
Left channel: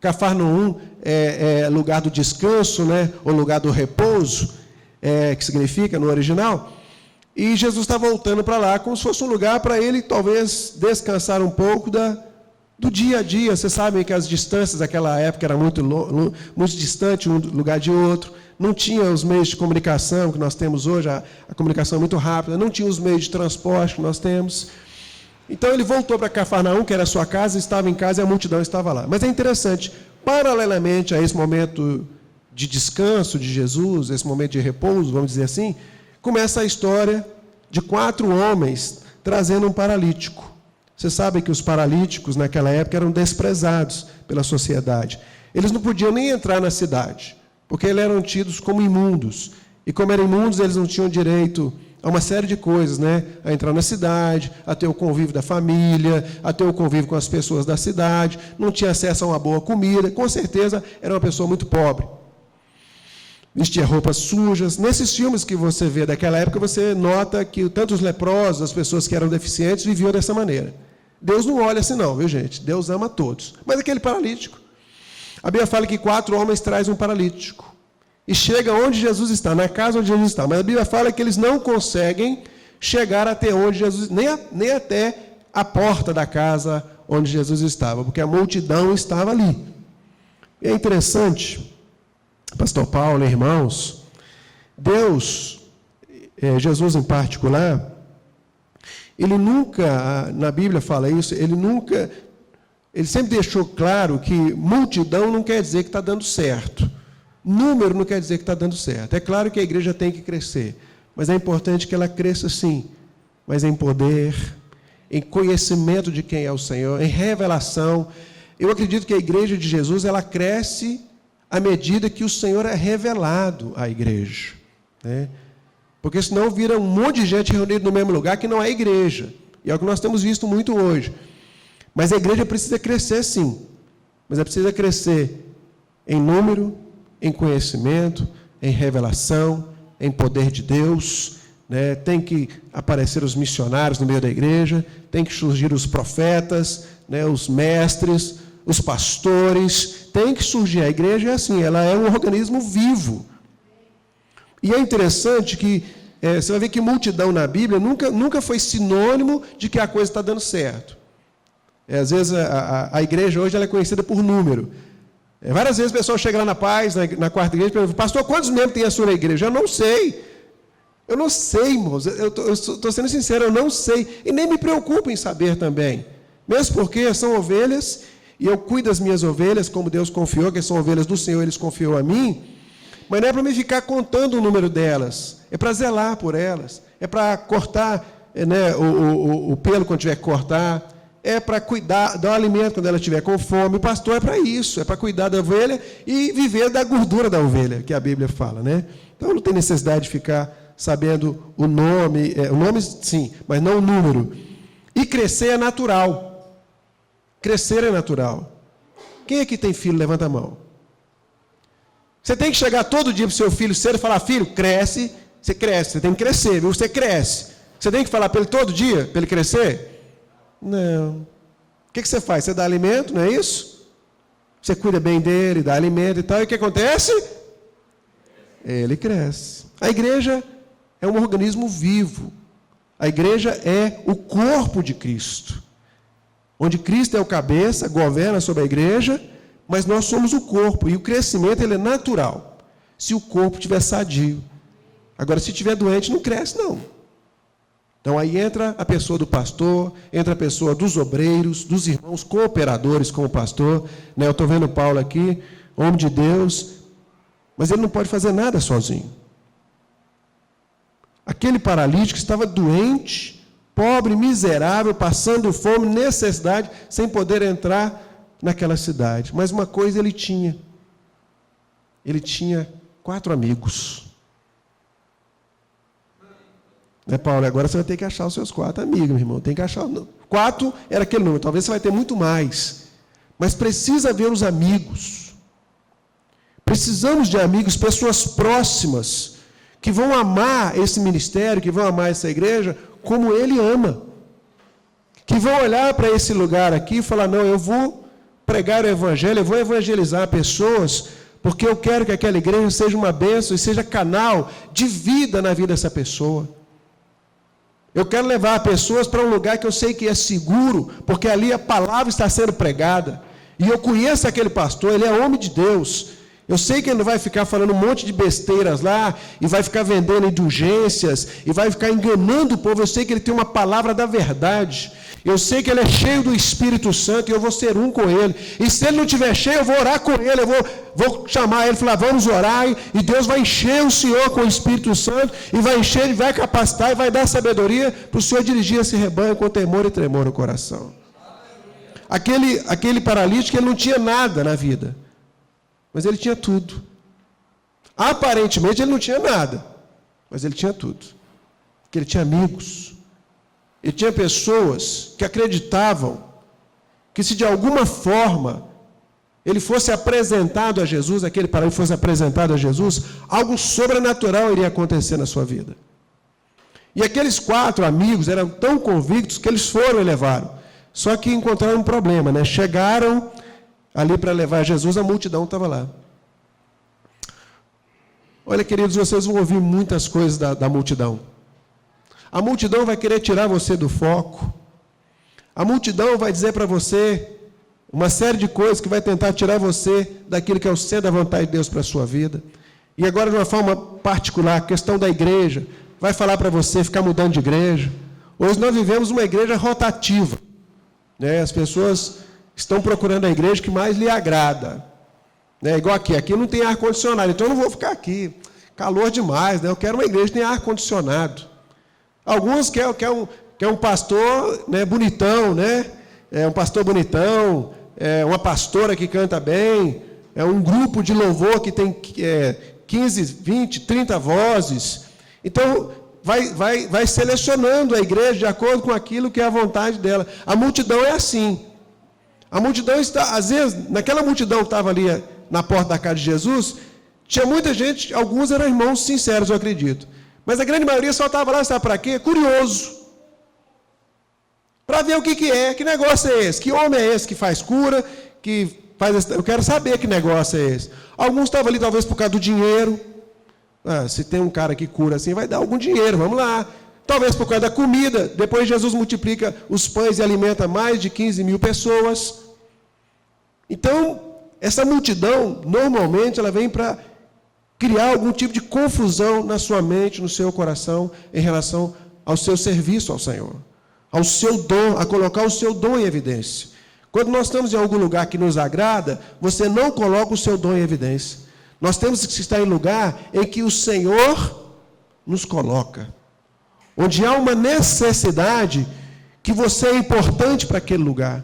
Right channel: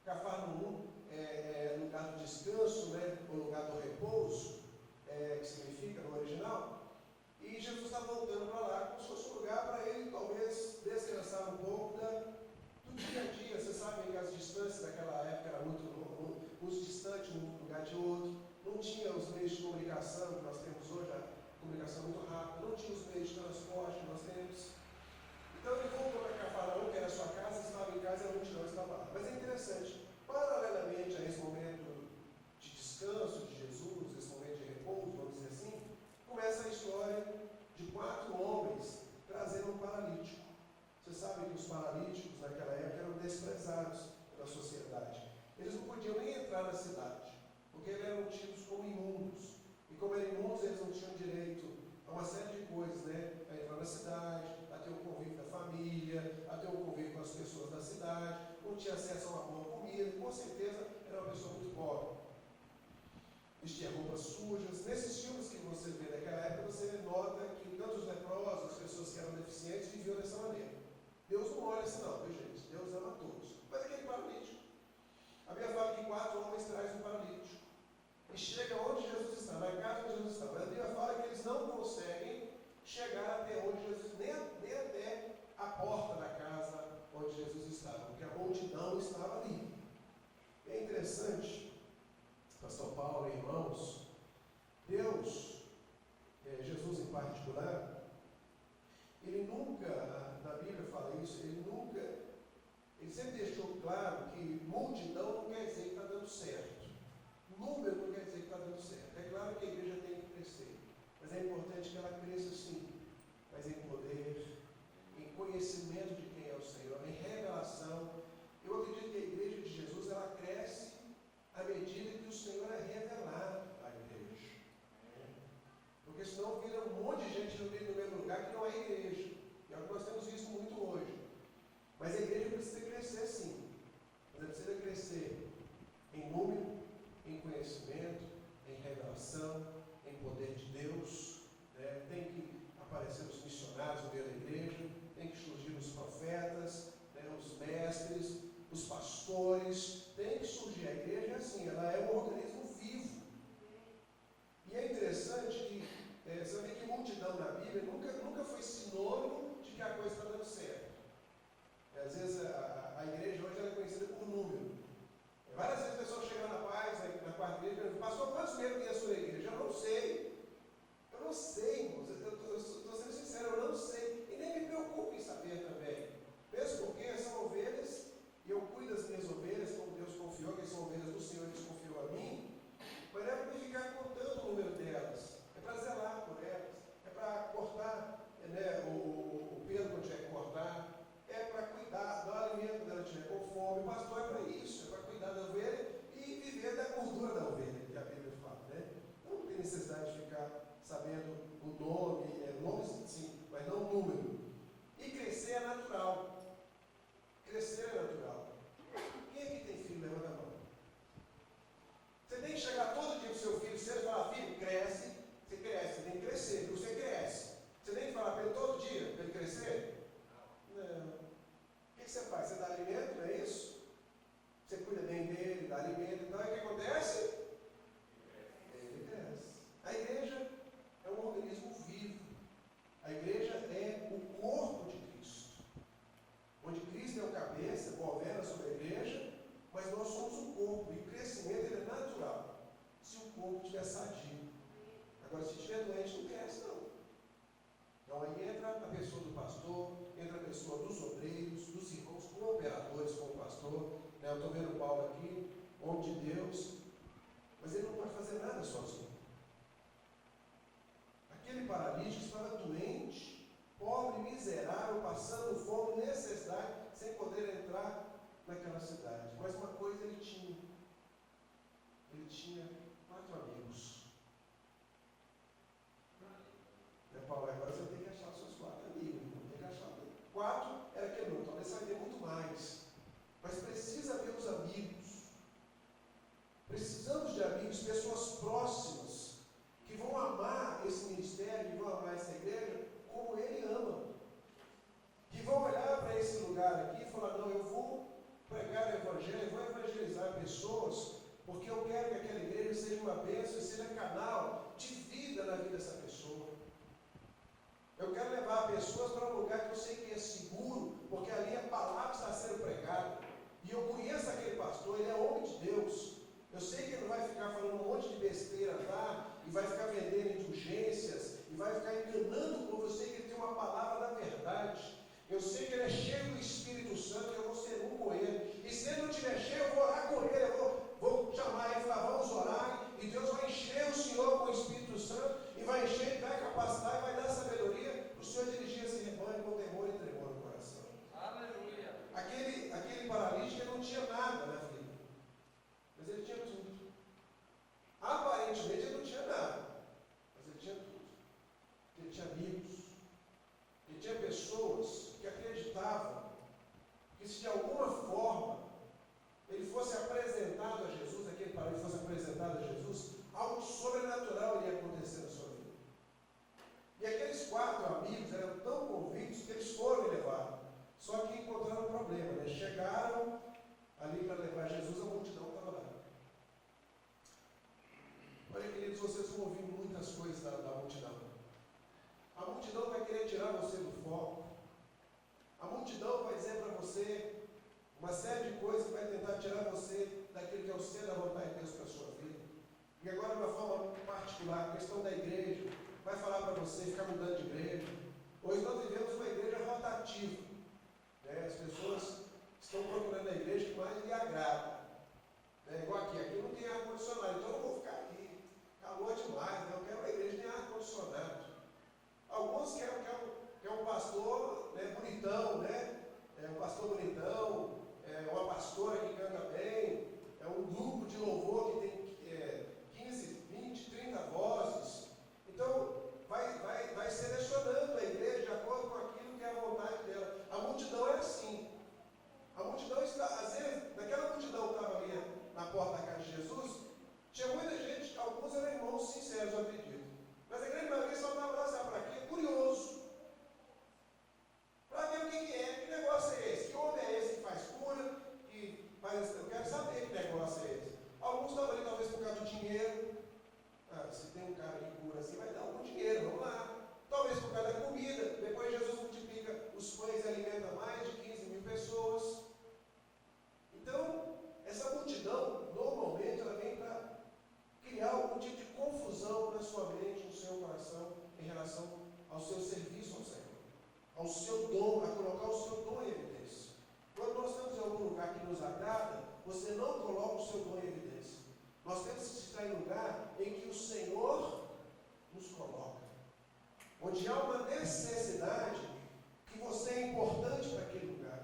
Cafarnaum é lugar do descanso, né? Ou lugar do repouso, que significa no original. E Jesus está voltando para lá como se fosse um lugar para ele talvez descansar um pouco do dia a dia. Vocês sabem que as distâncias daquela época eram muito distantes um lugar de outro. Não tinha os meios de comunicação que nós temos hoje, a comunicação é muito rápida, não tinha os meios de transporte que nós temos. Então ele voltou para Cafarnaum, que era a sua casa, estava em casa e a multidão estava lá. Mas é interessante, paralelamente a esse momento de descanso de Jesus, esse momento de repouso, vamos dizer assim, começa a história de 4 homens trazendo um paralítico. Você sabe que os paralíticos naquela época eram desprezados pela sociedade. Eles não podiam nem entrar na cidade, porque eles eram tidos como imundos. E como eram imundos, eles não tinham direito a uma série de coisas, né? A entrar na cidade, a ter o convívio da família, a ter o convívio com as pessoas da cidade, não tinha acesso a uma boa comida, com certeza era uma pessoa muito pobre. Vestia roupas sujas. Nesses filmes que você vê daquela época, você nota que tanto os leprosos, as pessoas que eram deficientes, viviam dessa maneira. Deus não olha assim não, viu gente? Deus ama todos. Mas aquele paralítico, a Bíblia fala que 4 homens trazem um paralítico. E chega onde Jesus está, na casa onde Jesus está. Mas a Bíblia fala que eles não conseguem chegar até onde Jesus, nem até a porta da casa onde Jesus estava, porque a multidão estava ali. E é interessante, Pastor Paulo, irmãos, Deus, Jesus em particular, ele nunca, na Bíblia fala isso, ele sempre deixou claro que multidão não quer dizer que está dando certo. Número não quer dizer que está dando certo. É claro que a igreja tem que crescer, mas é importante que ela cresça sim, mas em poder, em conhecimento de quem é o Senhor, em revelação. Eu acredito que a igreja de Jesus, ela cresce à medida que o Senhor é revelado à igreja, né? Porque senão vira um monte de gente reunida no mesmo lugar que não é igreja. E é o que nós temos visto muito hoje. Mas a igreja precisa crescer sim. Mas ela precisa crescer em número, em conhecimento, em revelação, em poder de Deus, né? Tem que aparecer os missionários no meio da igreja, tem que surgir os profetas, né? Os mestres, os pastores, tem que surgir. A igreja é assim, ela é um organismo vivo. E é interessante que você vai ver que multidão na Bíblia nunca foi sinônimo de que a coisa está dando certo. Às vezes a igreja hoje ela é conhecida por número. Várias vezes o pessoal chega lá na Paz, na quarta igreja, e pergunta: pastor, quantos membros tem a sua igreja? Eu não sei. Eu não sei, irmãos. Eu estou sendo sincero, eu não sei. E nem me preocupo em saber também. Mesmo porque são ovelhas, e eu cuido das minhas ovelhas, como Deus confiou, que são ovelhas do Senhor, Eles confiou a mim. Mas não é para me ficar contando o número delas. É para zelar por elas. É para cortar, né, o pelo quando tiver que cortar. É para cuidar, dar o alimento quando ela estiver com fome. O pastor é para isso, é para cuidar da ovelha e viver da gordura da ovelha, que a Bíblia fala, né? Então não tem necessidade de ficar sabendo o nome sim, mas não o número. E crescer é natural. Crescer é natural. Quem aqui tem filho, levanta a mão. Você tem que chegar todo dia para o seu filho cedo e falar: filho, cresce, você tem que crescer, viu? Você cresce. Você tem que falar para ele todo dia, para ele crescer? Não. O que você faz? Você dá alimento, não é isso? Você cuida bem dele, dá alimento e tal, e o que acontece? Ele cresce. A igreja é um organismo vivo. A igreja é o corpo de Cristo, onde Cristo é o cabeça, governa sobre a igreja, mas nós somos o corpo, e o crescimento ele é natural, se o corpo estiver sadio. Agora, se estiver doente, não cresce, não. Então, aí entra a pessoa do pastor, entra a pessoa dos obreiros, dos irmãos cooperadores com o pastor, né? Eu estou vendo o Paulo aqui, homem de Deus, mas ele não pode fazer nada sozinho. Aquele paralítico estava doente, pobre, miserável, passando fome, necessidade, sem poder entrar naquela cidade. Mas uma coisa ele tinha 4 amigos. Né, Paulo? Agora você vai ter que achar os seus 4 amigos, meu irmão. Tem que achar. 4 era aquele número, talvez você vai ter muito mais. Mas precisa haver os amigos. Precisamos de amigos, pessoas próximas, que vão amar esse ministério, que vão amar essa igreja, como ele ama. Que vão olhar para esse lugar aqui e falar: não, eu vou pregar o evangelho, eu vou evangelizar pessoas, porque eu quero que aquela igreja seja uma bênção e seja canal de vida na vida dessa pessoa. Eu quero levar pessoas para um lugar que eu sei que é seguro, porque ali a palavra está sendo pregada. E eu conheço aquele pastor, ele é homem de Deus. Eu sei que ele não vai ficar falando um monte de besteiras lá, e vai ficar vendendo indulgências, e vai ficar enganando o povo. Eu sei que ele tem uma palavra da verdade. Eu sei que ele é cheio do Espírito Santo, e eu vou ser um com ele. E se ele não estiver cheio, eu vou orar com ele, eu vou chamar ele e falar: vamos orar, e Deus vai encher o Senhor com o Espírito Santo, e vai encher, ele vai capacitar, e vai dar sabedoria para o Senhor dirigir esse rebanho com temor e tremor no coração. Aquele paralítico, ele não tinha nada na vida, mas ele tinha tudo. Aparentemente ele não tinha nada, mas ele tinha tudo. Porque ele tinha amigos. Ele tinha pessoas que acreditavam que se de alguma forma ele fosse apresentado a Jesus, aquele paralítico fosse apresentado a Jesus, algo sobrenatural iria acontecer na sua vida. E aqueles 4 amigos eram tão convictos que eles foram e levaram. Só que encontraram um problema, né? Chegaram ali para levar Jesus, a multidão estava lá. Olha, queridos, vocês vão ouvir muitas coisas da multidão. A multidão vai querer tirar você do foco. A multidão vai dizer para você uma série de coisas que vai tentar tirar você daquilo que é o centro da vontade de Deus para a sua vida. E agora, de uma forma particular, a questão da igreja, vai falar para você ficar mudando de igreja, Hoje nós vivemos uma igreja rotativa, né? As pessoas estão procurando a igreja que mais lhe agrada, né? Igual aqui não tem ar-condicionado, então eu não vou ficar aqui, calor demais, né? Eu quero uma igreja que tenha ar-condicionado. Alguns querem um pastor, né, bonitão, né? Um pastor bonitão, uma pastora que canta bem, um grupo de louvor que tem 15, 20, 30 vozes. Então, vai selecionando a igreja de acordo com aquilo que é a vontade dela. A multidão é assim. A multidão está, às vezes, naquela multidão que estava ali na porta da casa de Jesus, tinha muita gente, alguns eram irmãos sinceros, eu acredito. Mas a grande maioria só estava lá, sabe para quê? Curioso. Para ver o que é, que negócio é esse, que homem é esse que faz cura, que faz... Eu quero saber que negócio é esse. Alguns estavam ali talvez por causa do dinheiro. Se tem um cara que cura assim, vai dar algum dinheiro, vamos lá. Talvez por causa da comida. Depois Jesus multiplica os pães e alimenta mais de 15 mil pessoas. Então, essa multidão, normalmente, ela vem para criar algum tipo de confusão na sua mente, no seu coração, em relação ao seu serviço ao Senhor, ao seu dom, a colocar o seu dom em evidência. Quando nós estamos em algum lugar que nos agrada, você não coloca o seu dom em evidência. Nós temos que estar em lugar em que o Senhor nos coloca, onde há uma necessidade que você é importante para aquele lugar.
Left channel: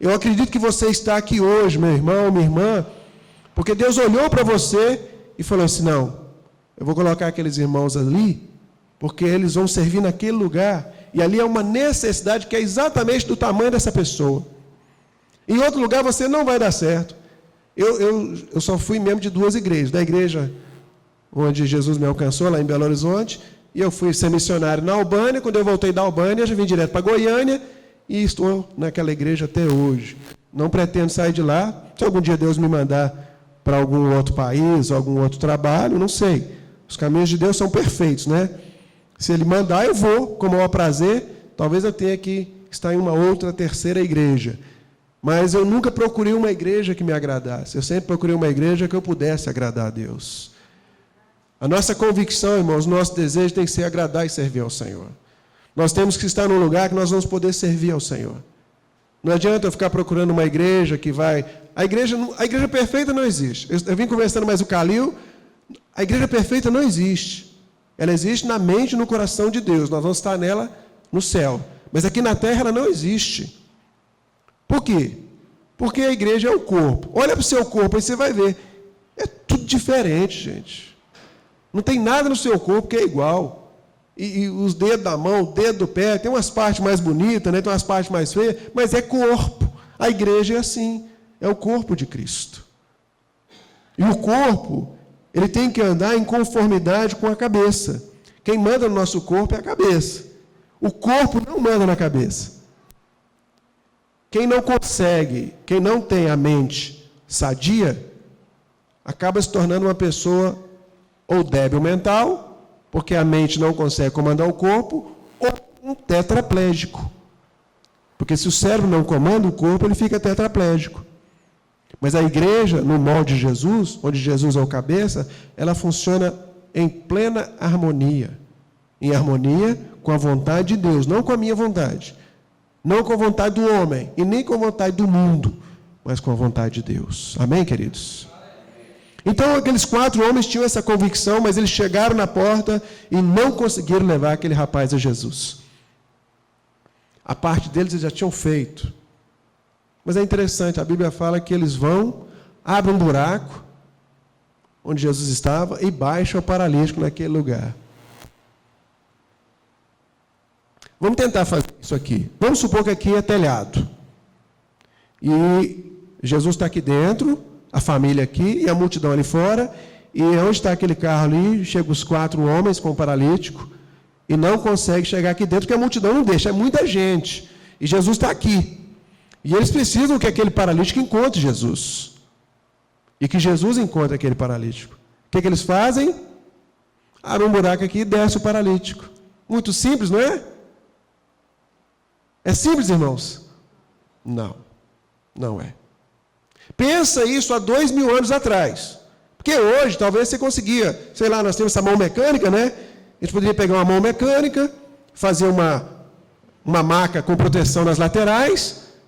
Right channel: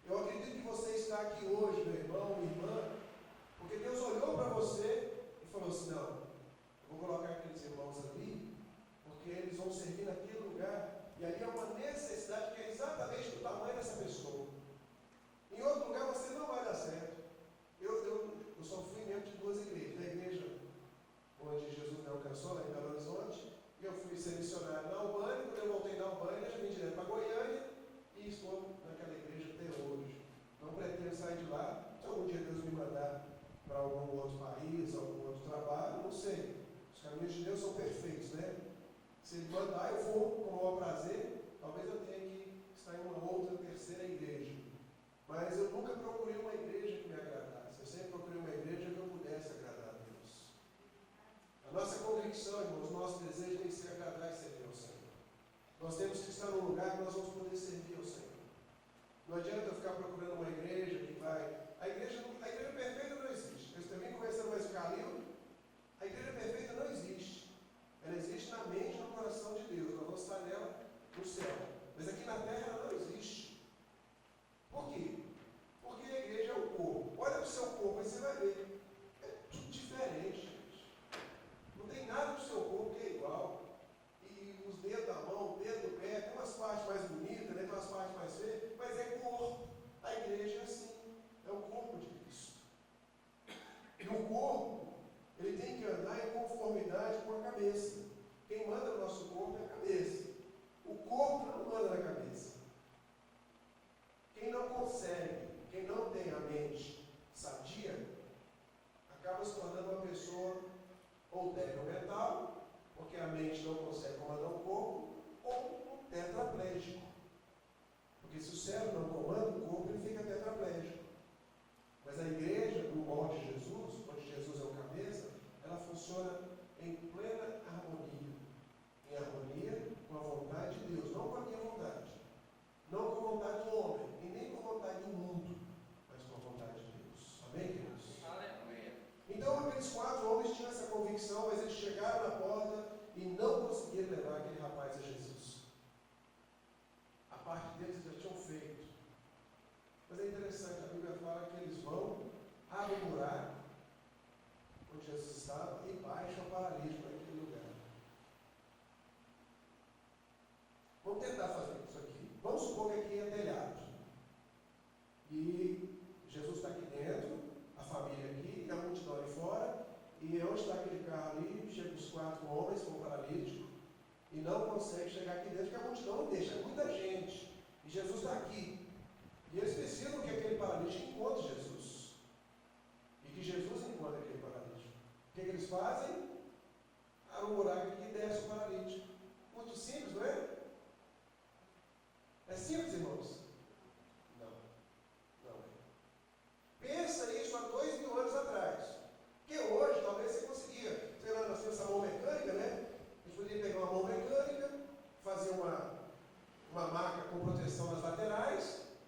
Eu acredito que você está aqui hoje, meu irmão, minha irmã, porque Deus olhou para você e falou assim, não, eu vou colocar aqueles irmãos ali, porque eles vão servir naquele lugar, e ali é uma necessidade que é exatamente do tamanho dessa pessoa. Em outro lugar você não vai dar certo. Eu só fui membro de 2 igrejas, da igreja onde Jesus me alcançou, lá em Belo Horizonte, e eu fui ser missionário na Albânia. Quando eu voltei da Albânia, eu já vim direto para Goiânia, e estou naquela igreja até hoje. Não pretendo sair de lá. Se algum dia Deus me mandar para algum outro país, algum outro trabalho, não sei. Os caminhos de Deus são perfeitos, né? Se Ele mandar, eu vou, com o maior prazer. Talvez eu tenha que estar em uma outra, terceira igreja. Mas eu nunca procurei uma igreja que me agradasse. Eu sempre procurei uma igreja que eu pudesse agradar a Deus. A nossa convicção, irmãos, o nosso desejo tem que ser agradar e servir ao Senhor. Nós temos que estar num lugar que nós vamos poder servir ao Senhor. Não adianta eu ficar procurando uma igreja que vai... A igreja perfeita não existe. Eu vim conversando mais o Calil. A igreja perfeita não existe. Ela existe na mente e no coração de Deus. Nós vamos estar nela no céu. Mas aqui na terra ela não existe. Por quê? Porque a igreja é o corpo. Olha para o seu corpo, aí você vai ver. É tudo diferente, gente. Não tem nada no seu corpo que é igual. E os dedos da mão, o dedo do pé, tem umas partes mais bonitas, né? Tem umas partes mais feias, mas é corpo. A igreja é assim, é o corpo de Cristo. E o corpo, ele tem que andar em conformidade com a cabeça. Quem manda no nosso corpo é a cabeça. O corpo não manda na cabeça. Quem não consegue, quem não tem a mente sadia, acaba se tornando uma pessoa ou débil mental, porque a mente não consegue comandar o corpo, ou um tetraplégico. Porque se o cérebro não comanda o corpo, ele fica tetraplégico. Mas a igreja, no molde de Jesus, onde Jesus é o cabeça, ela funciona em plena harmonia. Em harmonia com a vontade de Deus, não com a minha vontade. Não com a vontade do homem, e nem com a vontade do mundo, mas com a vontade de Deus. Amém, queridos? Então, aqueles 4 homens tinham essa convicção, mas eles chegaram na porta e não conseguiram levar aquele rapaz a Jesus. A parte deles eles já tinham feito. Mas é interessante, a Bíblia fala que eles vão, abrem um buraco, onde Jesus estava, e baixam o paralítico naquele lugar. Vamos tentar fazer isso aqui. Vamos supor que aqui é telhado. E Jesus está aqui dentro, a família aqui e a multidão ali fora. E onde está aquele carro ali, chegam os 4 homens com o paralítico e não consegue chegar aqui dentro, porque a multidão não deixa, é muita gente. E Jesus está aqui. E eles precisam que aquele paralítico encontre Jesus. E que Jesus encontre aquele paralítico. O que eles fazem? Abrem um buraco aqui e desce o paralítico. Muito simples, não é? É simples, irmãos? Não, não é. Pensa isso há 2000 anos atrás. Porque hoje, talvez você conseguia, sei lá, nós temos essa mão mecânica, né? A gente poderia pegar uma mão mecânica, fazer uma maca com proteção nas laterais,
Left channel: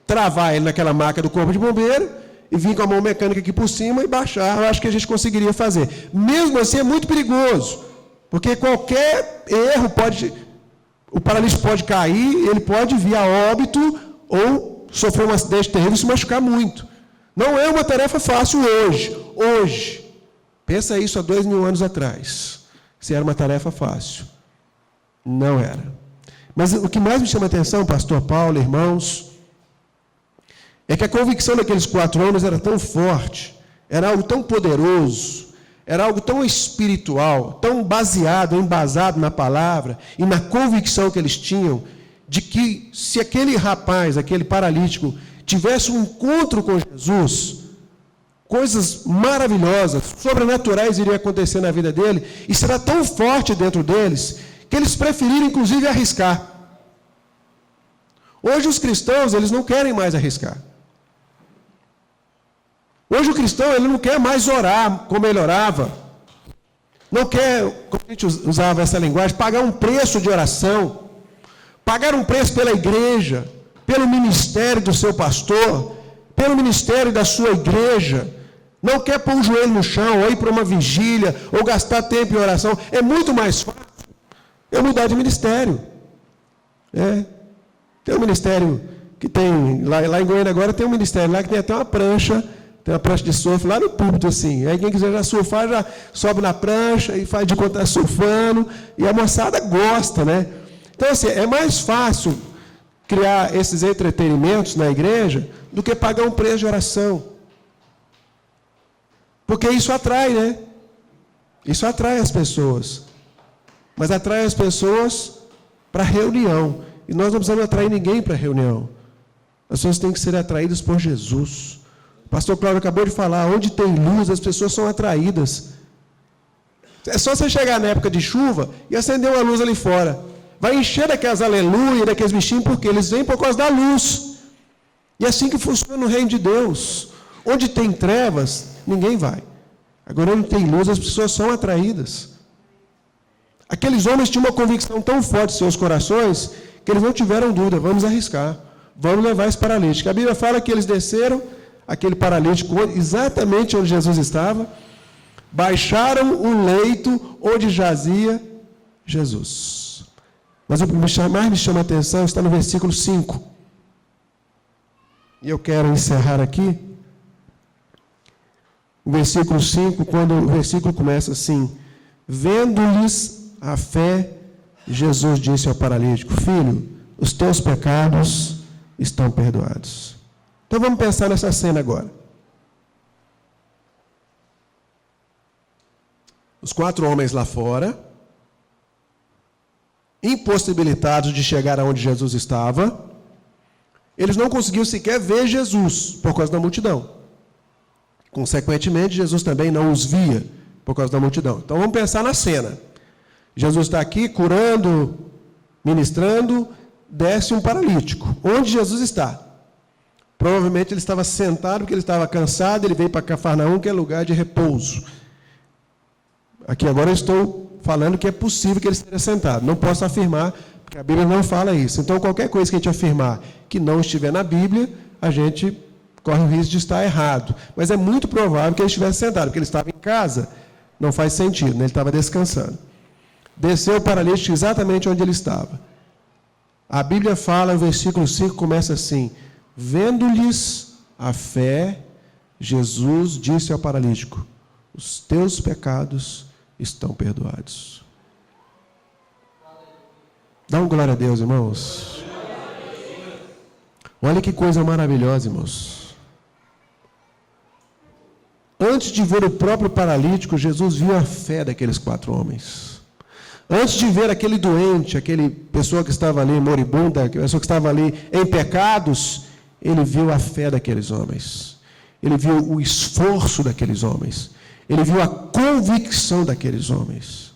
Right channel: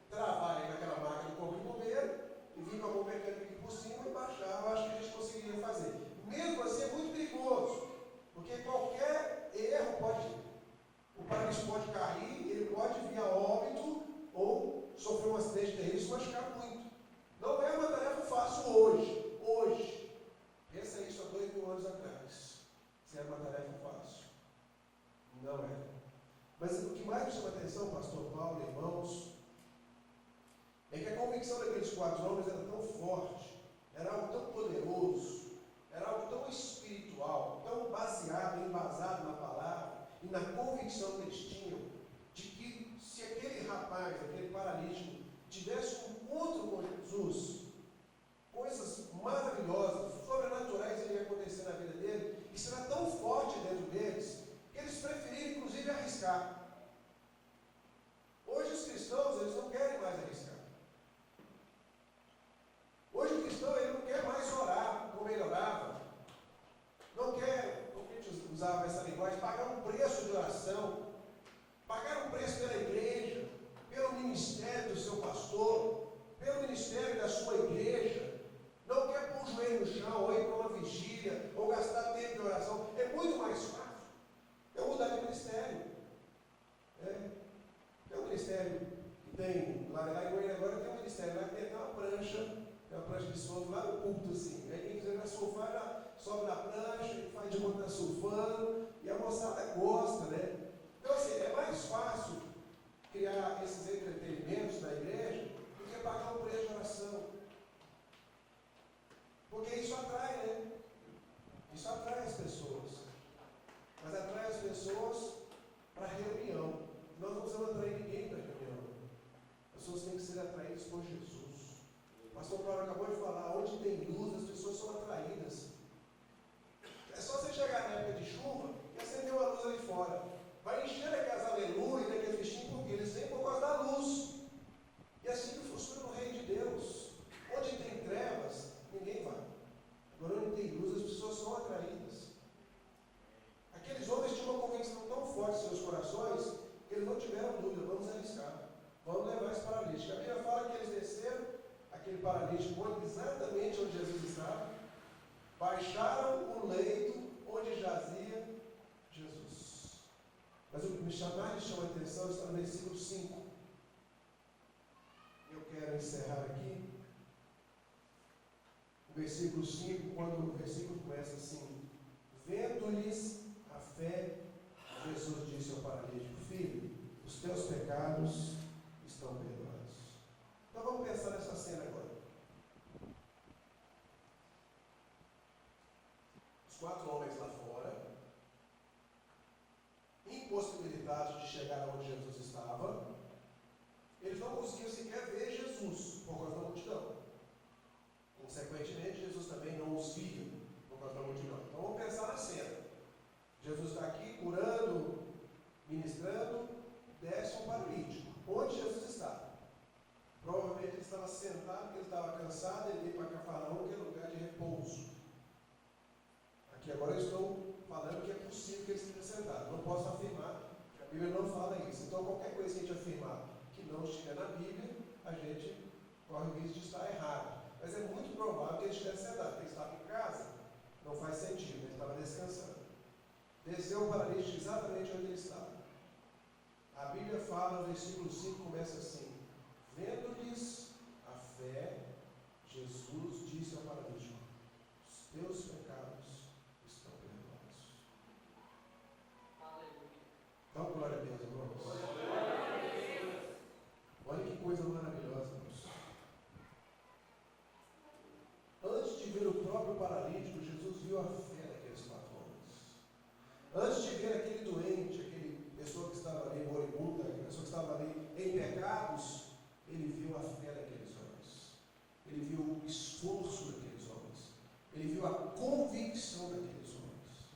travar ele naquela maca do corpo de bombeiro e vir com a mão mecânica aqui por cima e baixar. Eu acho que a gente conseguiria fazer. Mesmo assim, é muito perigoso, porque qualquer erro o paralítico pode cair, ele pode vir a óbito ou sofrer um acidente terrível e se machucar muito. Não é uma tarefa fácil hoje. Pensa isso há 2000 anos atrás. Se era uma tarefa fácil. Não era. Mas o que mais me chama a atenção, pastor Paulo, irmãos, é que a convicção daqueles 4 homens era tão forte, era algo tão poderoso, era algo tão espiritual, tão embasado na palavra e na convicção que eles tinham, de que se aquele rapaz, aquele paralítico, tivesse um encontro com Jesus, coisas maravilhosas, sobrenaturais iriam acontecer na vida dele, e será tão forte dentro deles, que eles preferiram, inclusive, arriscar. Hoje os cristãos, eles não querem mais arriscar. Hoje o cristão, ele não quer mais orar como ele orava. Não quer, como a gente usava essa linguagem, pagar um preço de oração, pagar um preço pela igreja, pelo ministério do seu pastor, pelo ministério da sua igreja. Não quer pôr o joelho no chão, ou ir para uma vigília, ou gastar tempo em oração. É muito mais fácil eu mudar de ministério. Tem um ministério que tem, lá em Goiânia agora tem um ministério lá que tem até uma prancha, tem uma prancha de surf lá no púlpito assim. Aí quem quiser já surfar, já sobe na prancha e faz de conta surfando, e a moçada gosta, né? Então assim, é mais fácil criar esses entretenimentos na igreja do que pagar um preço de oração. Porque isso atrai, né? Isso atrai as pessoas. Mas atrai as pessoas para reunião. E nós não precisamos atrair ninguém para reunião. As pessoas têm que ser atraídas por Jesus. O pastor Cláudio acabou de falar, onde tem luz, as pessoas são atraídas. É só você chegar na época de chuva e acender uma luz ali fora. Vai encher daquelas aleluia, daqueles bichinhos, porque eles vêm por causa da luz. E é assim que funciona no reino de Deus. Onde tem trevas, ninguém vai. Agora, onde tem luz, as pessoas são atraídas. Aqueles homens tinham uma convicção tão forte em seus corações, que eles não tiveram dúvida, vamos arriscar, vamos levar esse paralítico. A Bíblia fala que eles desceram, aquele paralítico, exatamente onde Jesus estava, baixaram o leito onde jazia Jesus. Mas o que mais me chama a atenção está no versículo 5. E eu quero encerrar aqui. O versículo 5, quando o versículo começa assim: vendo-lhes a fé, Jesus disse ao paralítico: filho, os teus pecados estão perdoados. Então vamos pensar nessa cena agora. Os 4 homens lá fora, impossibilitados de chegar aonde Jesus estava, eles não conseguiam sequer ver Jesus por causa da multidão. Consequentemente, Jesus também não os via por causa da multidão. Então vamos pensar na cena. Jesus está aqui curando, ministrando, desce um paralítico. Onde Jesus está? Provavelmente ele estava sentado porque ele estava cansado, ele veio para Cafarnaum, que é lugar de repouso. Aqui agora eu estou falando que é possível que ele esteja sentado. Não posso afirmar, porque a Bíblia não fala isso. Então, qualquer coisa que a gente afirmar que não estiver na Bíblia, a gente corre o risco de estar errado. Mas é muito provável que ele estivesse sentado, porque ele estava em casa, não faz sentido, né? Ele estava descansando. Desceu o paralítico exatamente onde ele estava. A Bíblia fala, o versículo 5 começa assim: vendo-lhes a fé, Jesus disse ao paralítico: os teus pecados estão perdoados. Dá um glória a Deus, irmãos. Olha que coisa maravilhosa, irmãos. Antes de ver o próprio paralítico, Jesus viu a fé daqueles 4 homens. Antes de ver aquele doente, aquele pessoa que estava ali moribunda, aquela pessoa que estava ali em pecados, ele viu a fé daqueles homens. Ele viu o esforço daqueles homens. Ele viu a convicção daqueles homens.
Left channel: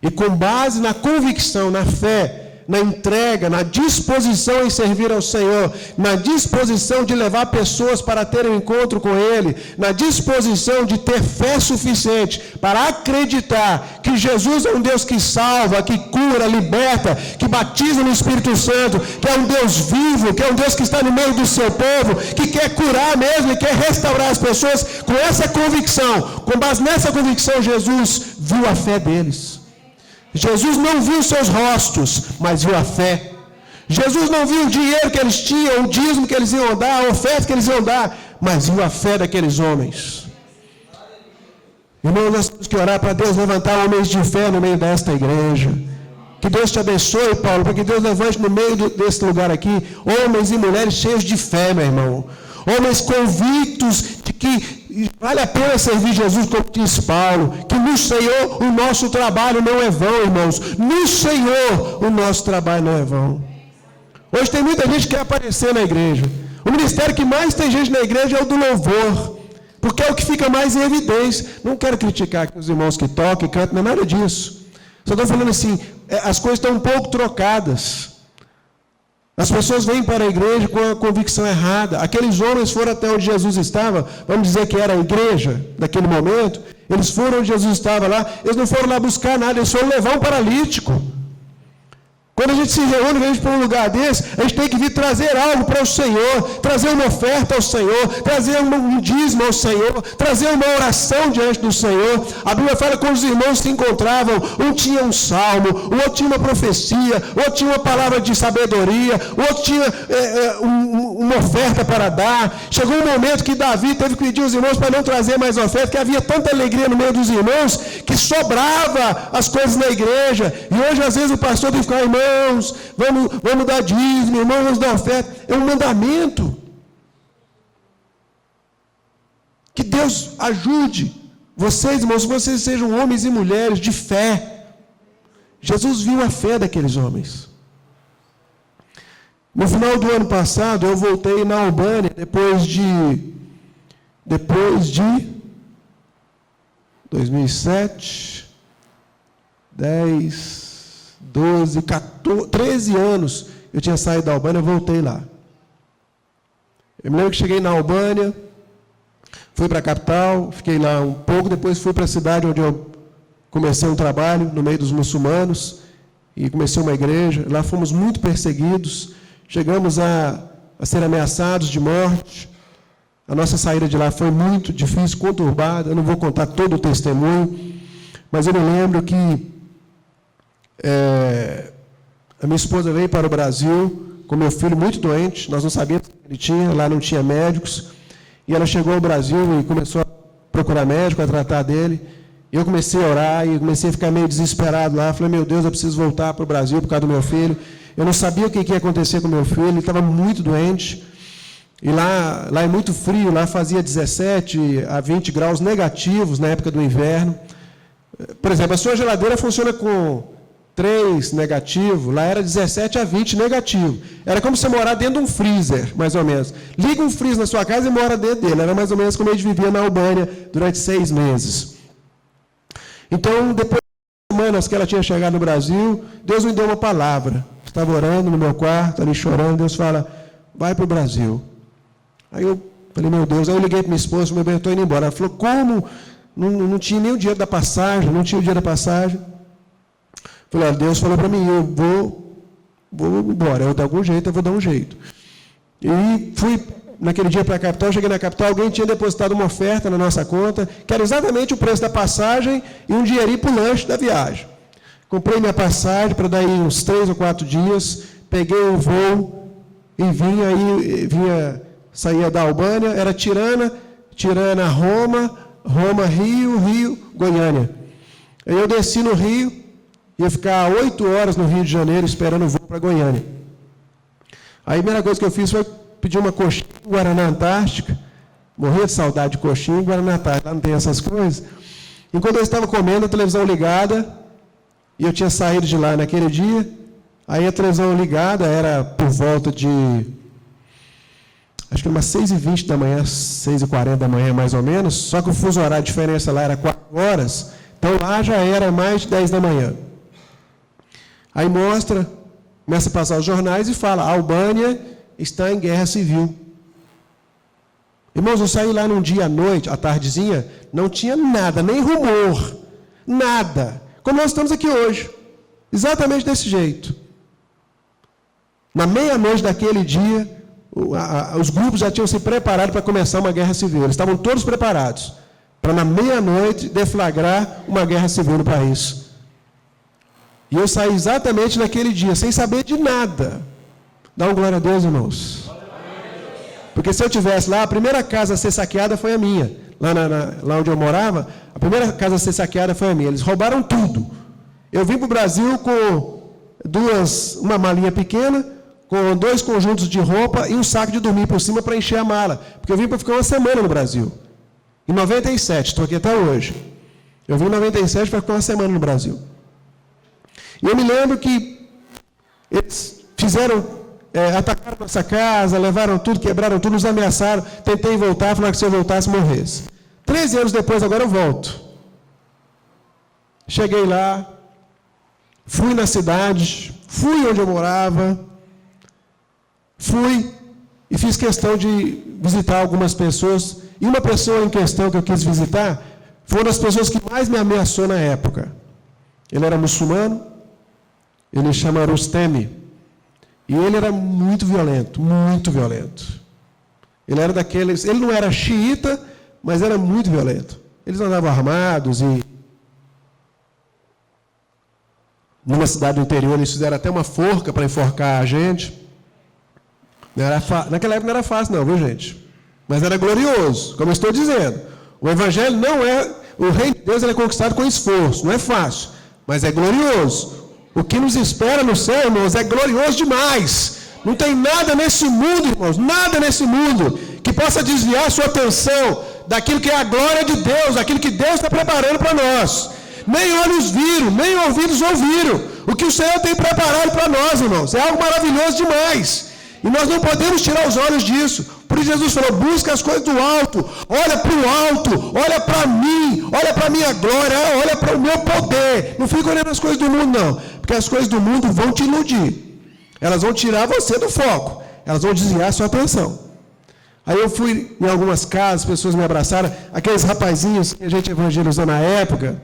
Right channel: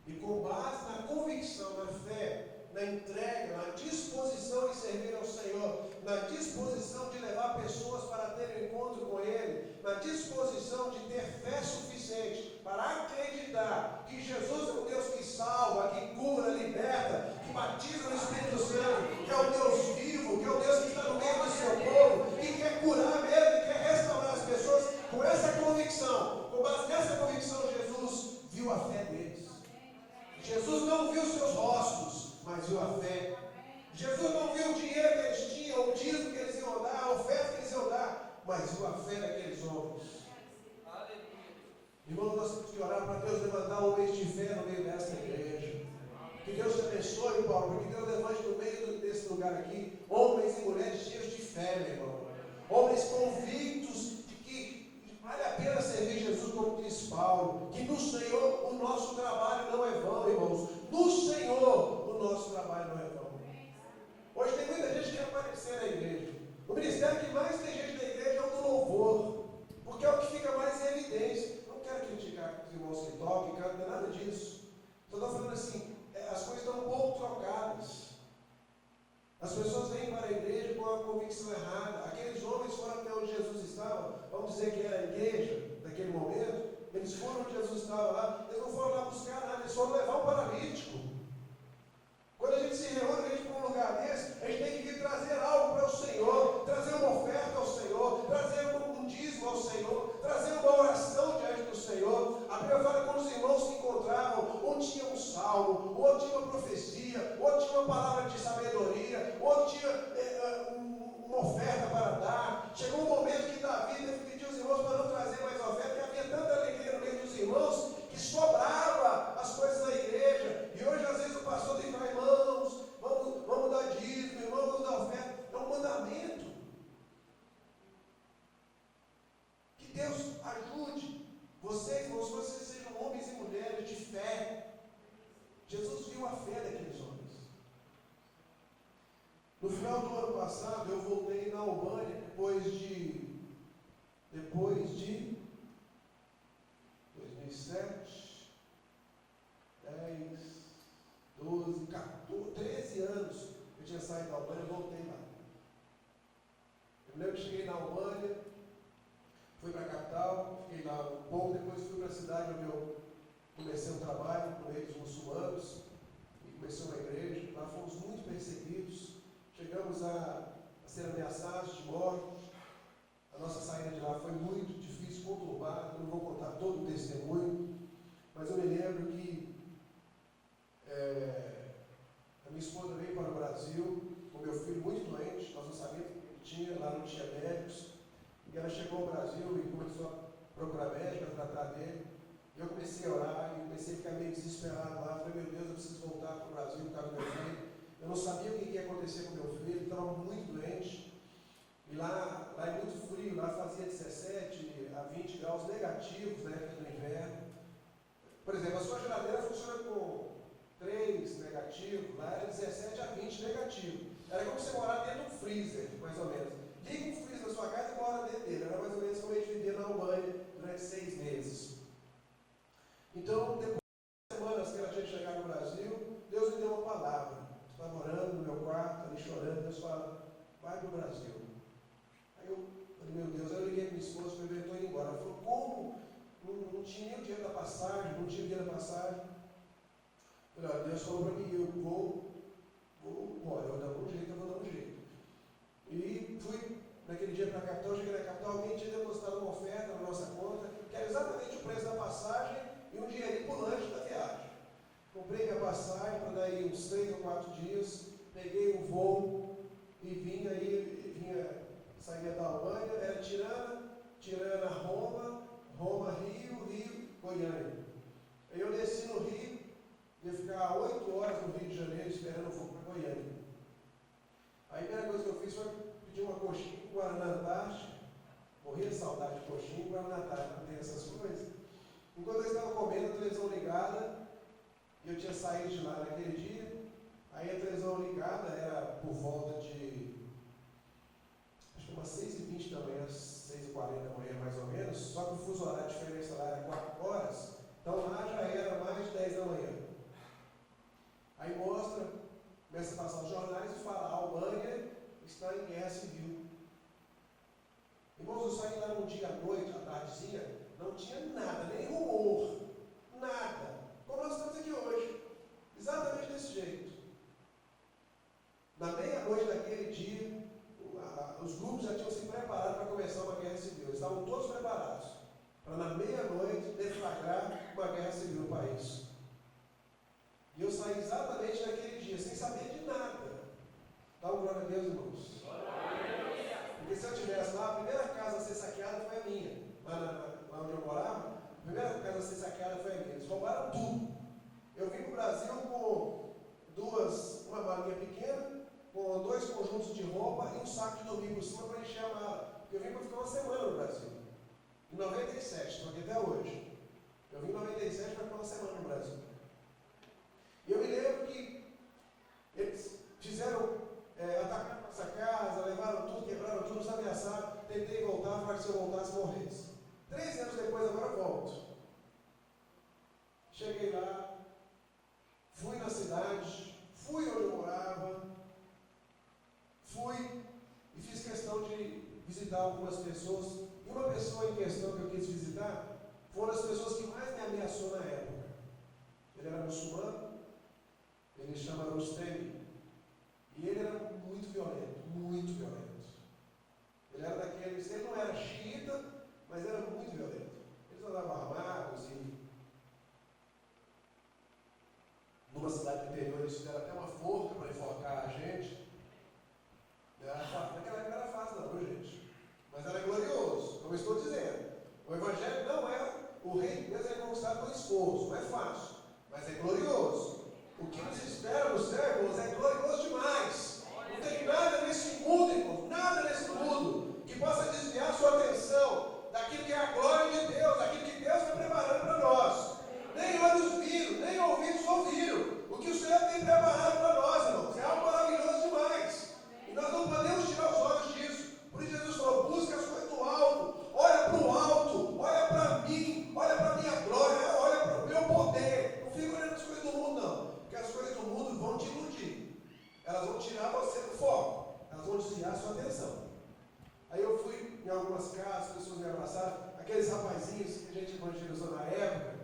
E com base na convicção, na fé na entrega, na disposição em servir ao Senhor, na disposição de levar pessoas para terem um encontro com Ele, na disposição de ter fé suficiente para acreditar que Jesus é um Deus que salva, que cura, liberta, que batiza no Espírito Santo, que é um Deus vivo, que é um Deus que está no meio do seu povo, que quer curar mesmo e quer restaurar as pessoas. Com essa convicção, com base nessa convicção, Jesus viu a fé deles. Jesus não viu seus rostos, mas viu a fé. Jesus não viu o dinheiro que eles tinham, o dízimo que eles iam dar, a oferta que eles iam dar, mas viu a fé daqueles homens. Irmão, nós temos que orar para Deus levantar homens de fé no meio desta igreja. Que Deus te abençoe, Paulo, para que Deus levante no meio desse lugar aqui homens e mulheres cheios de fé, meu irmão. Homens convictos de que vale a pena servir Jesus, como diz Paulo, que no Senhor o nosso trabalho não é vão, irmãos. No Senhor o nosso trabalho não é vão. Hoje tem muita gente que quer aparecer na igreja. O ministério que mais tem gente na igreja é o do louvor, porque é o que fica mais em evidência. Não quero criticar aqui os irmãos que tocam e cantam, não é nada disso. Só estou falando assim, as coisas estão um pouco trocadas. As pessoas vêm para a igreja com a convicção errada. Aqueles homens foram até onde Jesus estava, vamos dizer que era a igreja daquele momento, eles foram onde Jesus estava lá, eles não foram lá buscar nada, eles foram levar um paralítico. Quando a gente se reúne, a gente para um lugar desse, a gente tem que vir trazer algo para o Senhor, trazer uma oferta ao Senhor, trazer um dízimo ao Senhor, trazer uma oração diante do Senhor. A Bíblia fala que quando os irmãos se encontravam, um tinha um salmo, o outro tinha uma profecia, o outro tinha uma palavra de sabedoria, o outro tinha uma oferta para dar. Chegou um momento que Davi teve que pedir aos irmãos para não trazer mais oferta, porque havia tanta alegria no meio dos irmãos, que sobrava as coisas na igreja. E hoje, às vezes, o pastor tem que ficar, irmãos, vamos dar dízimo, irmãos, vamos dar oferta. É um mandamento. Que Deus ajude vocês, irmãos, que vocês sejam homens e mulheres de fé. Jesus viu a fé daqueles homens. No final do ano passado, eu voltei na Albânia, depois de 2007, 10, 12, 14, 13 anos, eu tinha saído da Albânia, eu voltei lá. Eu me lembro que cheguei na Albânia, fui para a capital, fiquei lá um pouco, depois fui para a cidade onde eu comecei um trabalho, no meio dos muçulmanos, e comecei uma igreja. Lá fomos muito perseguidos, chegamos a ser ameaçados de morte. A nossa saída de lá foi muito difícil, conturbada. Eu não vou contar todo o testemunho, mas eu me lembro que a minha esposa veio para o Brasil com meu filho muito doente, nós não sabíamos o que ele tinha, lá não tinha médicos, e ela chegou ao Brasil e começou a procurar médico, a tratar dele, e eu comecei a orar, e comecei a ficar meio desesperado lá, falei, meu Deus, eu preciso voltar para o Brasil por causa do meu filho. Eu não sabia o que ia acontecer com meu filho, ele estava muito doente, e lá é muito frio, lá fazia 17 a 20 graus negativos na época do inverno. Por exemplo, a sua geladeira funciona com 3 negativo, lá era 17 a 20 negativo. Era como você morar dentro de um freezer, mais ou menos. Liga um freezer na sua casa e mora dentro dele. Era mais ou menos como a gente vivia na Albânia durante 6 meses. Então, depois de semanas que ela tinha chegado no Brasil, Deus me deu uma palavra. Estava orando no meu quarto, ali chorando, Deus fala, vai para o Brasil. Aí eu falei, meu Deus, aí eu liguei para minha esposa, meu bem, eu estou indo embora. Ela falou, como? Não tinha nem o dinheiro da passagem, não tinha o dinheiro da passagem. Falei, Deus falou para mim, eu vou embora, eu de algum jeito, eu vou dar um jeito. E fui naquele dia para a capital, cheguei na capital, alguém tinha depositado uma oferta na nossa conta, que era exatamente o preço da passagem e um dinheirinho para o lanche da viagem. Comprei minha passagem para daí uns 3 ou 4 dias, peguei o voo e saía da Albânia, era Tirana, Roma, Rio, Goiânia. Aí eu desci no Rio, ia ficar 8 horas no Rio de Janeiro esperando o voo para Goiânia. Aí a primeira coisa que eu fiz foi pedir uma coxinha Guaraná Antártica. Morria de saudade de coxinha Guaraná Antártica, lá não tem essas coisas. Enquanto eu estava comendo, a televisão ligada, e eu tinha saído de lá naquele dia, aí a televisão ligada era por volta de, acho que umas 6h20 da manhã, 6h40 da manhã mais ou menos, só que o fuso horário, a diferença lá era 4 horas, então lá já era mais de 10 da manhã. Aí mostra Começa a passar os jornais e fala, a Albânia está em guerra civil. Irmãos, eu saí lá num dia à noite, à tardezinha, não tinha nada, nem rumor, nada. Como nós estamos aqui hoje. Exatamente desse jeito. Na meia-noite daquele dia, os grupos já tinham se preparado para começar uma guerra civil. Eles estavam todos preparados para, na meia-noite, deflagrar uma guerra civil no país. E eu saí exatamente naquele dia, sem saber de nada. Dá uma glória a Deus, irmãos. Porque se eu estivesse lá, a primeira casa a ser saqueada foi a minha. Lá onde eu morava, a primeira casa a ser saqueada foi a minha. Eles roubaram tudo. Eu vim para o Brasil com uma malinha pequena, com 2 conjuntos de roupa e um saco de dormir por cima para encher a mala. Porque eu vim para ficar uma semana no Brasil. Em 97, estou aqui até hoje. Eu vim em 97 para ficar uma semana no Brasil. E eu me lembro que eles atacaram nossa casa, levaram tudo, quebraram tudo, nos ameaçaram. Tentei voltar, falaram que se eu voltasse, morresse. 13 anos depois, agora eu volto. Cheguei lá, fui na cidade, fui onde eu morava, fui e fiz questão de visitar algumas pessoas. E uma pessoa em questão que eu quis visitar foi uma das pessoas que mais me ameaçou na época. Ele era muçulmano, ele chama Rustemi. E ele era muito violento, muito violento. Ele era daqueles, ele não era xiita, mas era muito violento. Eles andavam armados e numa cidade do interior eles fizeram até uma forca para enforcar a gente. Naquela época não era fácil não, viu gente? Mas era glorioso, como eu estou dizendo. O evangelho não é, o reino de Deus ele é conquistado com esforço, não é fácil, mas é glorioso. O que nos espera no céu, irmãos, é glorioso demais. Não tem nada nesse mundo, irmãos, nada nesse mundo que possa desviar a sua atenção daquilo que é a glória de Deus, daquilo que Deus está preparando para nós. Nem olhos viram, nem ouvidos ouviram o que o Senhor tem preparado para nós, irmãos. É algo maravilhoso demais. E nós não podemos tirar os olhos disso. Por isso Jesus falou, busca as coisas do alto, olha para o alto, olha para mim, olha para a minha glória, olha para o meu poder. Não fica olhando as coisas do mundo, não. Porque as coisas do mundo vão te iludir. Elas vão tirar você do foco. Elas vão desviar a sua atenção. Aí eu fui em algumas casas, pessoas me abraçaram, aqueles rapazinhos que a gente evangelizou na época,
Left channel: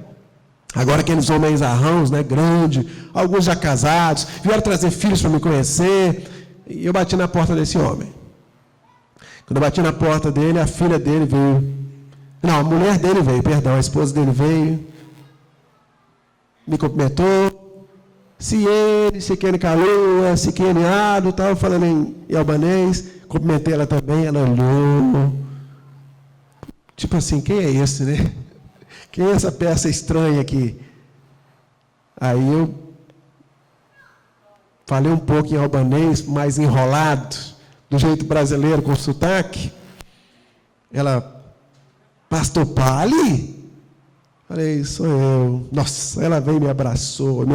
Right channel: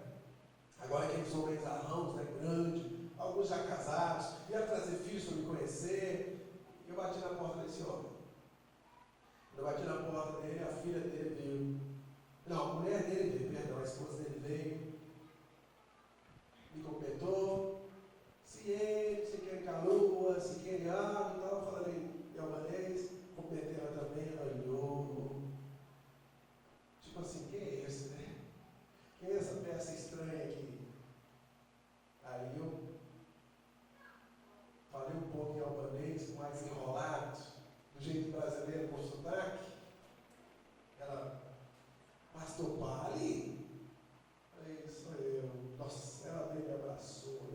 agora aqueles homens arrãos, né, grande, alguns já casados, vieram trazer filhos para me conhecer, e eu bati na porta desse homem. Quando eu bati na porta dele, a filha dele veio. Não, a mulher dele veio, perdão, a esposa dele veio, me cumprimentou. Se ele calou, se ele ado, estava falando em albanês, cumprimentei ela também, ela olhou. Tipo assim, quem é esse, né? Quem é essa peça estranha aqui? Aí eu falei um pouco em albanês, mais enrolado, do jeito brasileiro, com sotaque. Ela, pastor Pali? Falei, sou eu. Nossa, ela veio e me abraçou.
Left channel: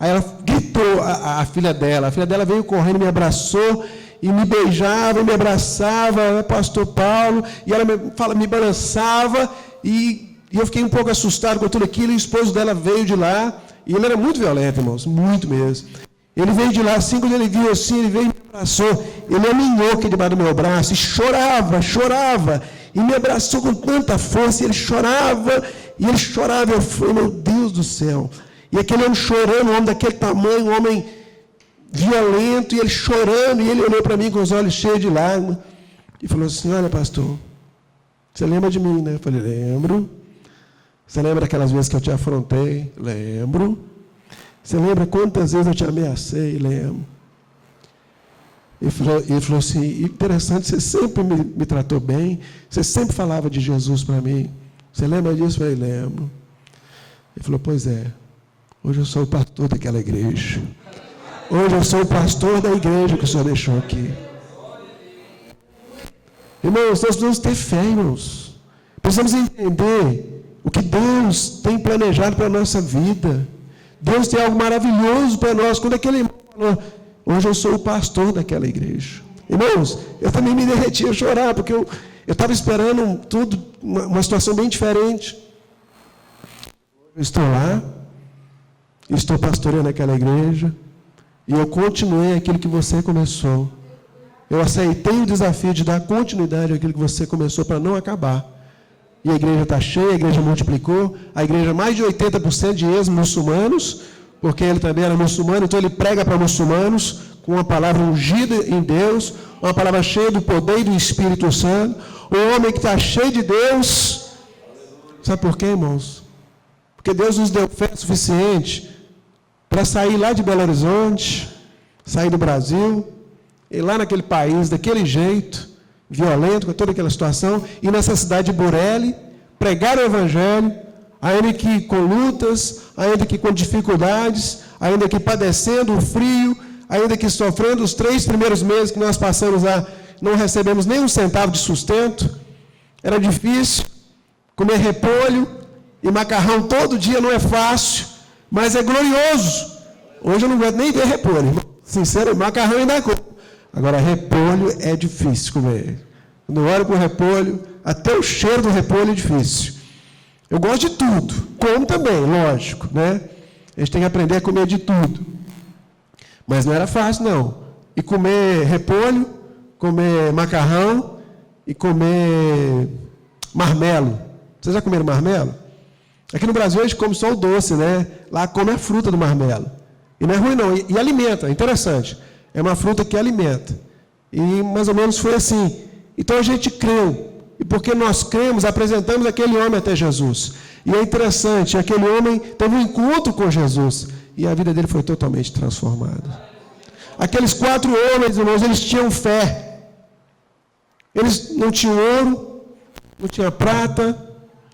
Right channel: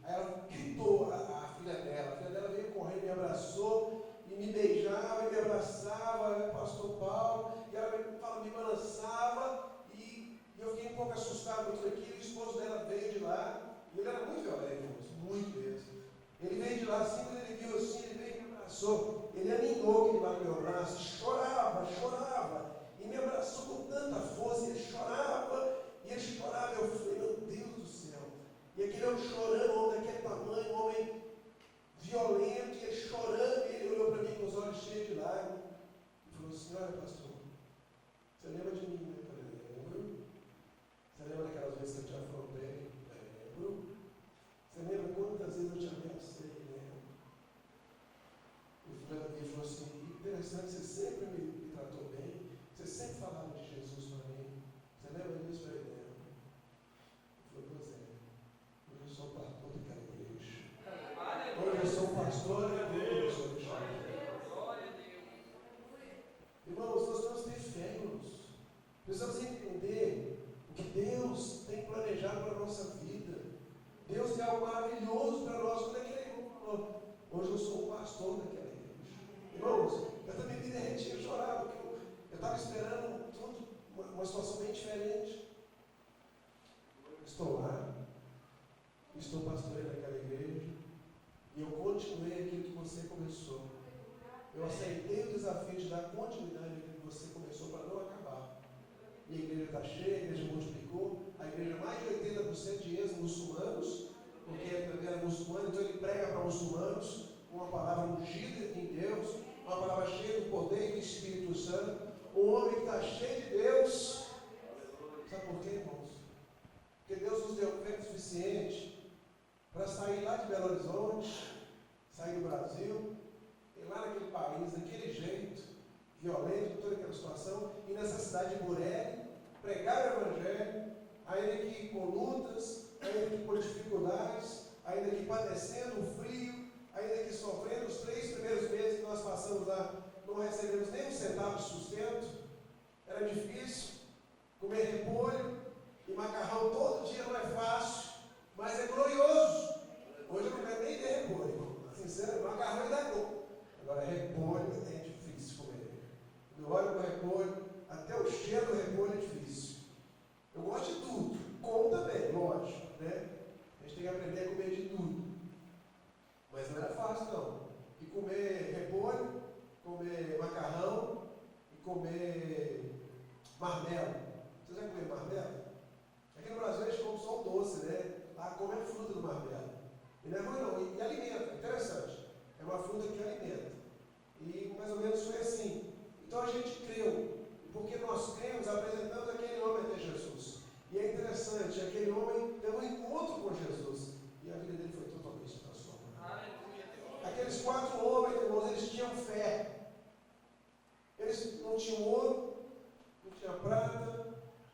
Aí ela gritou, a filha dela veio correndo, me abraçou, e me beijava, e me abraçava, pastor Paulo, e ela me balançava, e eu fiquei um pouco assustado com tudo aquilo, e o esposo dela veio de lá, e ele era muito violento, irmãos, muito mesmo. Ele veio de lá, assim, quando ele viu assim, ele veio e me abraçou, ele aninhou aqui debaixo do meu braço, e chorava, e me abraçou com tanta força, e ele chorava, eu falei, meu Deus do céu. E aquele homem chorando, um homem daquele tamanho, um homem violento, e ele chorando, e ele olhou para mim com os olhos cheios de lágrimas, e falou assim, olha pastor, você lembra de mim, né? Eu falei, lembro. Você lembra daquelas vezes que eu te afrontei? Lembro. Você lembra quantas vezes eu te ameacei? Lembro. Ele falou assim, interessante, você sempre me tratou bem, você sempre falava de Jesus para mim. Você lembra disso? Eu falei, lembro. Ele falou, pois é, hoje eu sou o pastor daquela igreja. Hoje eu sou o pastor da igreja que o Senhor deixou aqui. Irmãos, nós precisamos ter fé, irmãos. Precisamos entender o que Deus tem planejado para a nossa vida. Deus tem algo maravilhoso para nós. Quando aquele irmão falou, hoje eu sou o pastor daquela igreja. Irmãos, eu também me derreti a chorar, porque eu estava esperando tudo, uma situação bem diferente. Eu estou lá, estou pastoreando aquela igreja, E eu continuei aquilo que você começou. Eu aceitei o desafio de dar continuidade àquilo que você começou para não acabar. E a igreja está cheia, a igreja multiplicou, a igreja mais de 80% de ex-muçulmanos, porque ele também era muçulmano, então ele prega para muçulmanos, com uma palavra ungida em Deus, uma palavra cheia do poder e do Espírito Santo. Um homem que está cheio de Deus. Sabe por quê, irmãos? Porque Deus nos deu fé suficiente para sair lá de Belo Horizonte, sair do Brasil, ir lá naquele país, daquele jeito, violento, com toda aquela situação, e nessa cidade de Burele, pregar o Evangelho, ainda que com lutas, ainda que com dificuldades, ainda que padecendo o frio, ainda que sofrendo os 3 primeiros meses que nós passamos lá, não recebemos nem um centavo de sustento, era difícil, comer repolho e macarrão todo dia não é fácil, mas é glorioso. Hoje eu não aguento nem ver repolho, irmão. Sincero, macarrão ainda como. Agora, repolho é difícil comer. Quando eu olho para o repolho, até o cheiro do repolho é difícil. Eu gosto de tudo, como também, lógico, né? A gente tem que aprender a comer de tudo. Mas não era fácil, não. E comer repolho, comer macarrão e comer marmelo. Vocês já comeram marmelo? Aqui no Brasil a gente come só o doce, né? Lá come a fruta do marmelo. E não é ruim, não. E alimenta, é interessante. É uma fruta que alimenta. E mais ou menos foi assim. Então a gente creu. E porque nós cremos, apresentamos aquele homem até Jesus. E é interessante, aquele homem teve um encontro com Jesus. E a vida dele foi totalmente transformada. Aqueles 4 homens, irmãos, eles tinham fé. Eles não tinham ouro, não tinham prata,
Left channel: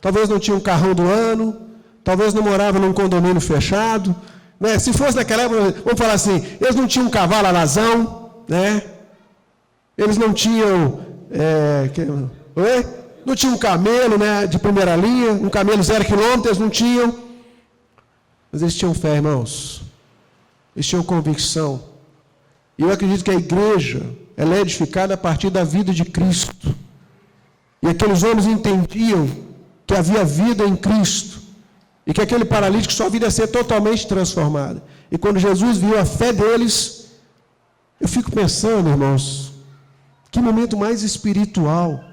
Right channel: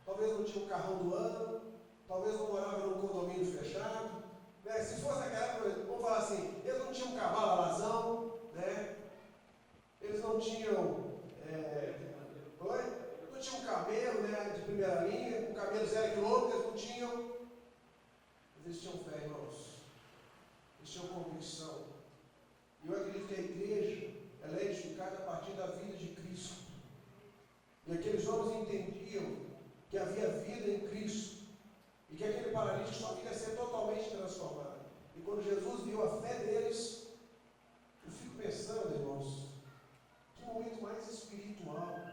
talvez não tinham um carrão do ano, talvez não moravam num condomínio fechado. Né? Se fosse naquela época, vamos falar assim, eles não tinham um cavalo alazão, né? Eles não tinham, não tinham um camelo, né, de primeira linha, um camelo 0 quilômetro, eles não tinham. Mas eles tinham fé, irmãos. Eles tinham convicção. E eu acredito que a igreja, ela é edificada a partir da vida de Cristo. E aqueles homens entendiam que havia vida em Cristo. E que aquele paralítico, sua vida ia ser totalmente transformada. E quando Jesus viu a fé deles, eu fico pensando, irmãos, que momento mais espiritual.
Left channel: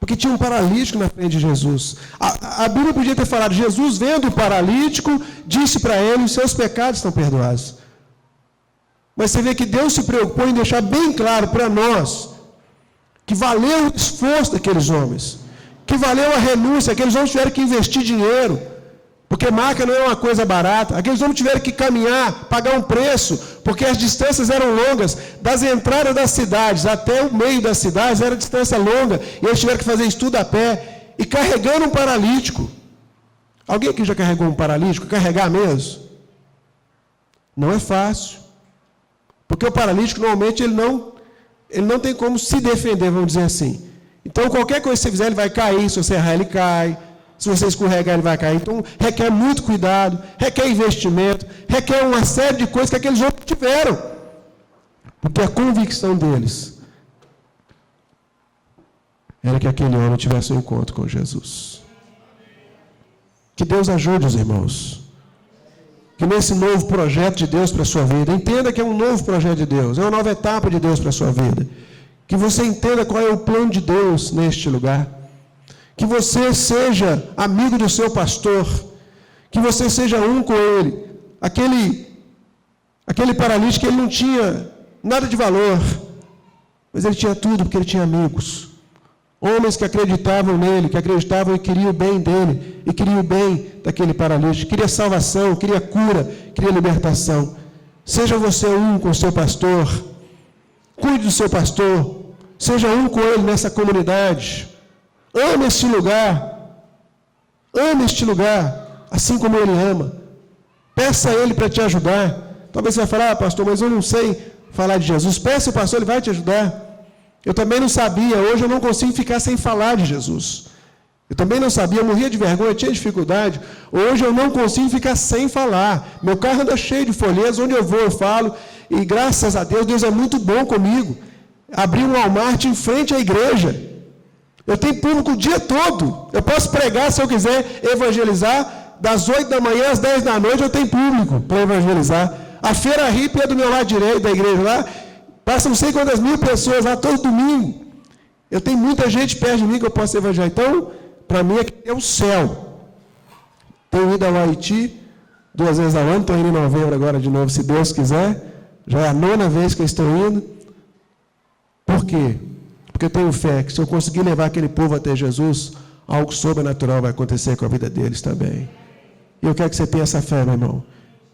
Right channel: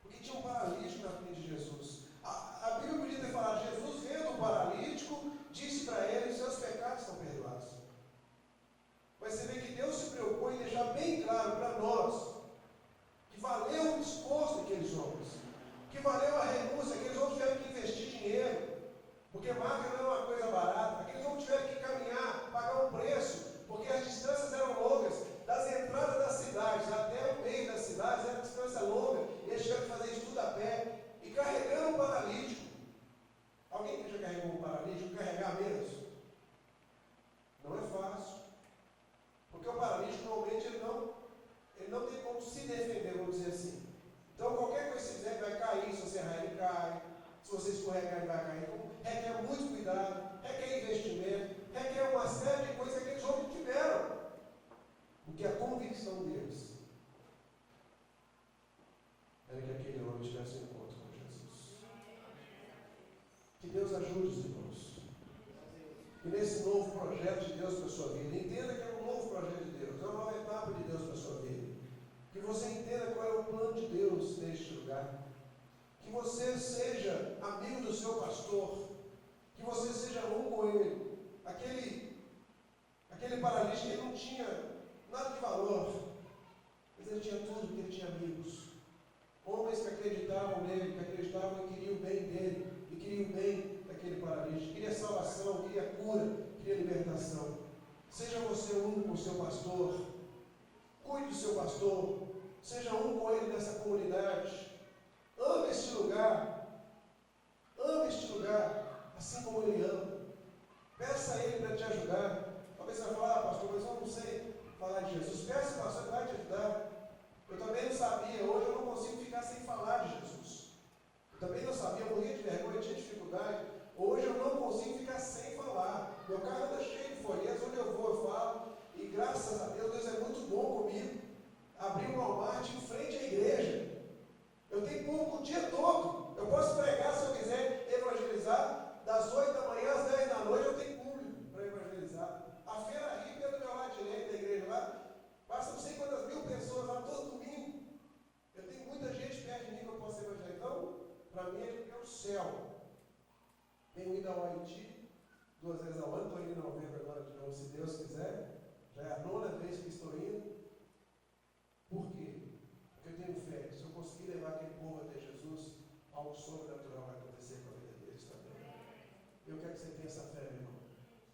Porque tinha um paralítico na frente de Jesus. A Bíblia podia ter falado, Jesus vendo o paralítico, disse para ele, os seus pecados estão perdoados. Mas você vê que Deus se preocupou em deixar bem claro para nós que valeu o esforço daqueles homens, que valeu a renúncia, aqueles homens tiveram que investir dinheiro, porque marca não é uma coisa barata, aqueles homens tiveram que caminhar, pagar um preço, porque as distâncias eram longas, das entradas das cidades até o meio das cidades era distância longa, e eles tiveram que fazer isso tudo a pé, e carregando um paralítico. Alguém aqui já carregou um paralítico? Carregar mesmo? Não é fácil, porque o paralítico normalmente ele não tem como se defender, vamos dizer assim. Então, qualquer coisa que você fizer, ele vai cair. Se você errar, ele cai. Se você escorregar, ele vai cair. Então, requer muito cuidado, requer investimento, requer uma série de coisas que aqueles homens tiveram. Porque a convicção deles era que aquele homem tivesse um encontro com Jesus. Que Deus ajude os irmãos. Que nesse novo projeto de Deus para a sua vida, entenda que é um novo projeto de Deus, é uma nova etapa de Deus para a sua vida. Que você entenda qual é o plano de Deus neste lugar. Que você seja amigo do seu pastor. Que você seja um com ele. Aquele paralítico, ele não tinha nada de valor, mas ele tinha tudo porque ele tinha amigos. Homens que acreditavam nele, que acreditavam e queriam o bem dele, e queriam o bem daquele paralítico. Queria salvação, queria cura, queria libertação. Seja você um com o seu pastor. Cuide do seu pastor, seja um com ele nessa comunidade. Ame este lugar, assim como ele ama. Peça a ele para te ajudar. Talvez você vai falar, pastor, mas eu não sei falar de Jesus. Peça ao pastor, ele vai te ajudar. Eu também não sabia, hoje eu não consigo ficar sem falar de Jesus. Eu também não sabia, eu morria de vergonha, tinha dificuldade. Hoje eu não consigo ficar sem falar. Meu carro anda cheio de folhetos, onde eu vou eu falo. E graças a Deus, Deus é muito bom comigo. Abri um Walmart em frente à igreja. Eu tenho público o dia todo. Eu posso pregar se eu quiser evangelizar. Das 8 da manhã às 10 da noite eu tenho público para evangelizar. A feira hippie é do meu lado direito da igreja lá. Passa não sei quantas mil pessoas lá todo domingo. Eu tenho muita gente perto de mim que eu posso evangelizar. Então, para mim é o céu. Tenho ido ao Haiti 2 vezes ao ano, estou indo em novembro agora de novo, se Deus quiser. Já é a 9ª vez que eu estou indo. Por quê? Porque eu tenho fé que se eu conseguir levar aquele povo até Jesus, algo sobrenatural vai acontecer com a vida deles também. E eu quero que você tenha essa fé, meu irmão.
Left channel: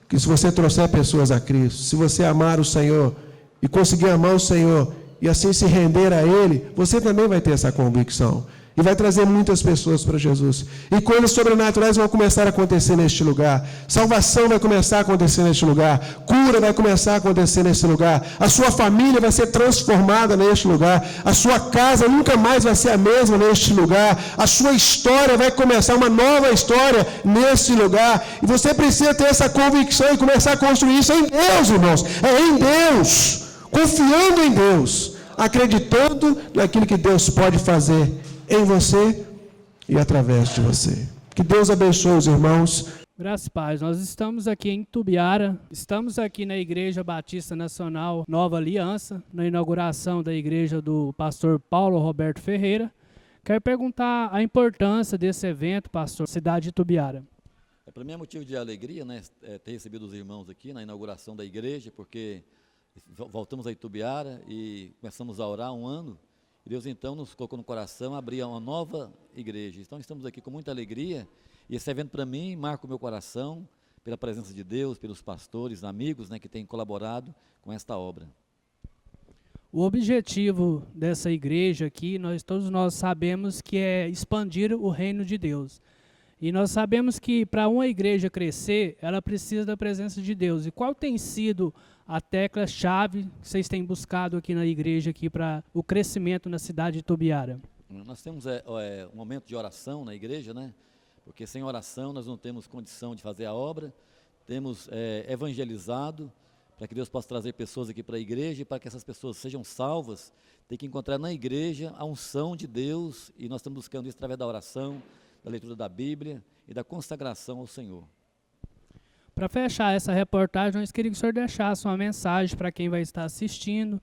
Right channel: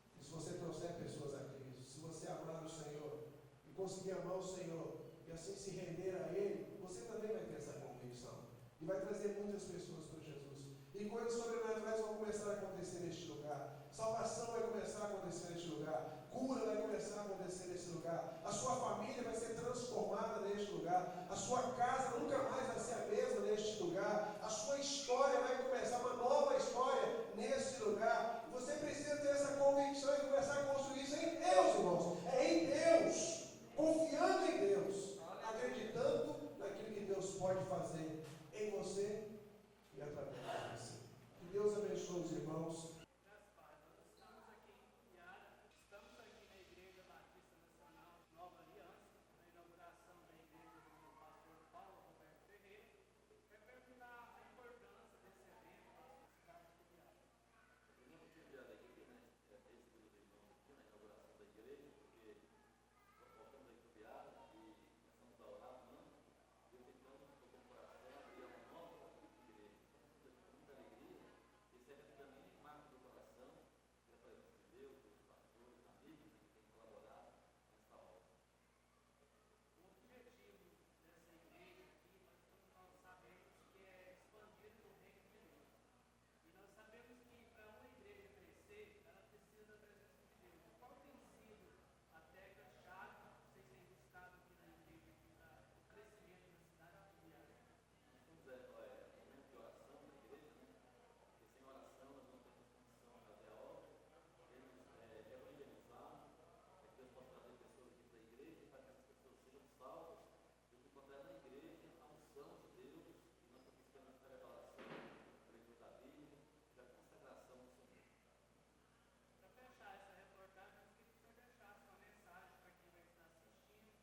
Que se você trouxer pessoas a Cristo, se você amar o Senhor e conseguir amar o Senhor e assim se render a Ele, você também vai ter essa convicção. E vai trazer muitas pessoas para Jesus. E coisas sobrenaturais vão começar a acontecer neste lugar. Salvação vai começar a acontecer neste lugar. Cura vai começar a acontecer neste lugar. A sua família vai ser transformada neste lugar. A sua casa nunca mais vai ser a mesma neste lugar. A sua história vai começar uma nova história neste lugar. E você precisa ter essa convicção e começar a construir isso em Deus, irmãos. É em Deus. Confiando em Deus. Acreditando naquilo que Deus pode fazer em você e através de você. Que Deus abençoe os irmãos. Graças a Paz, nós estamos aqui em Tubiara, estamos aqui na Igreja Batista Nacional Nova Aliança, na inauguração da igreja do pastor Paulo Roberto Ferreira. Quero perguntar a importância desse evento, pastor, cidade de Tubiara. Para mim é motivo de alegria, né, ter recebido os irmãos aqui na inauguração da igreja, porque voltamos a Itubiara e começamos a orar há 1 ano. Deus então nos colocou no coração abrir uma nova igreja. Então estamos aqui com muita alegria e esse evento para mim marca o meu coração pela presença de Deus, pelos pastores, amigos, né, que têm colaborado com esta obra. O objetivo dessa igreja aqui, todos nós sabemos que é expandir o reino de Deus. E nós sabemos que para uma igreja crescer, ela precisa da presença de Deus. E qual tem sido a tecla-chave que vocês têm buscado aqui na igreja aqui para o crescimento na cidade de Tubiara? Nós temos um momento de oração na igreja, né? Porque sem oração nós não temos condição de fazer a obra. Temos evangelizado para que Deus possa trazer pessoas aqui para a igreja e para que essas pessoas sejam salvas, tem que encontrar na igreja a unção de Deus e nós estamos buscando isso através da oração, da leitura da Bíblia e da consagração ao Senhor. Para fechar essa reportagem, nós queríamos que o senhor deixasse uma mensagem para quem vai estar assistindo,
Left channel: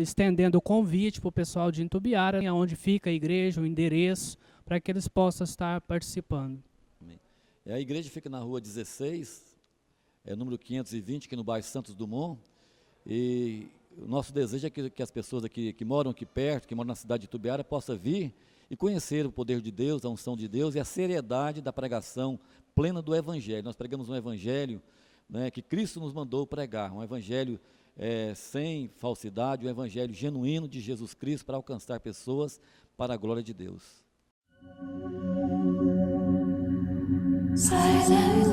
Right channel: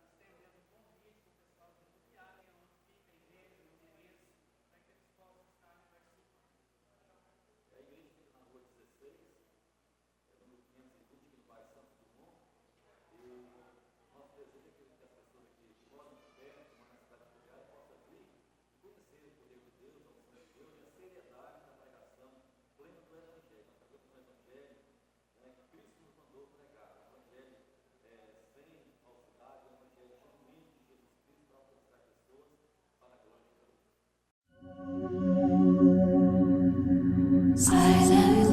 estendendo o convite para o pessoal de Itubiara, onde fica a igreja, o endereço, para que eles possam estar participando. A igreja fica na rua 16, número 520, aqui no bairro Santos Dumont, e o nosso desejo é que as pessoas aqui que moram aqui perto, que moram na cidade de Itubiara, possam vir e conhecer o poder de Deus, a unção de Deus e a seriedade da pregação plena do Evangelho. Nós pregamos um Evangelho, né, que Cristo nos mandou pregar, um Evangelho sem falsidade, um Evangelho genuíno de Jesus Cristo para alcançar pessoas para a glória de Deus. Silent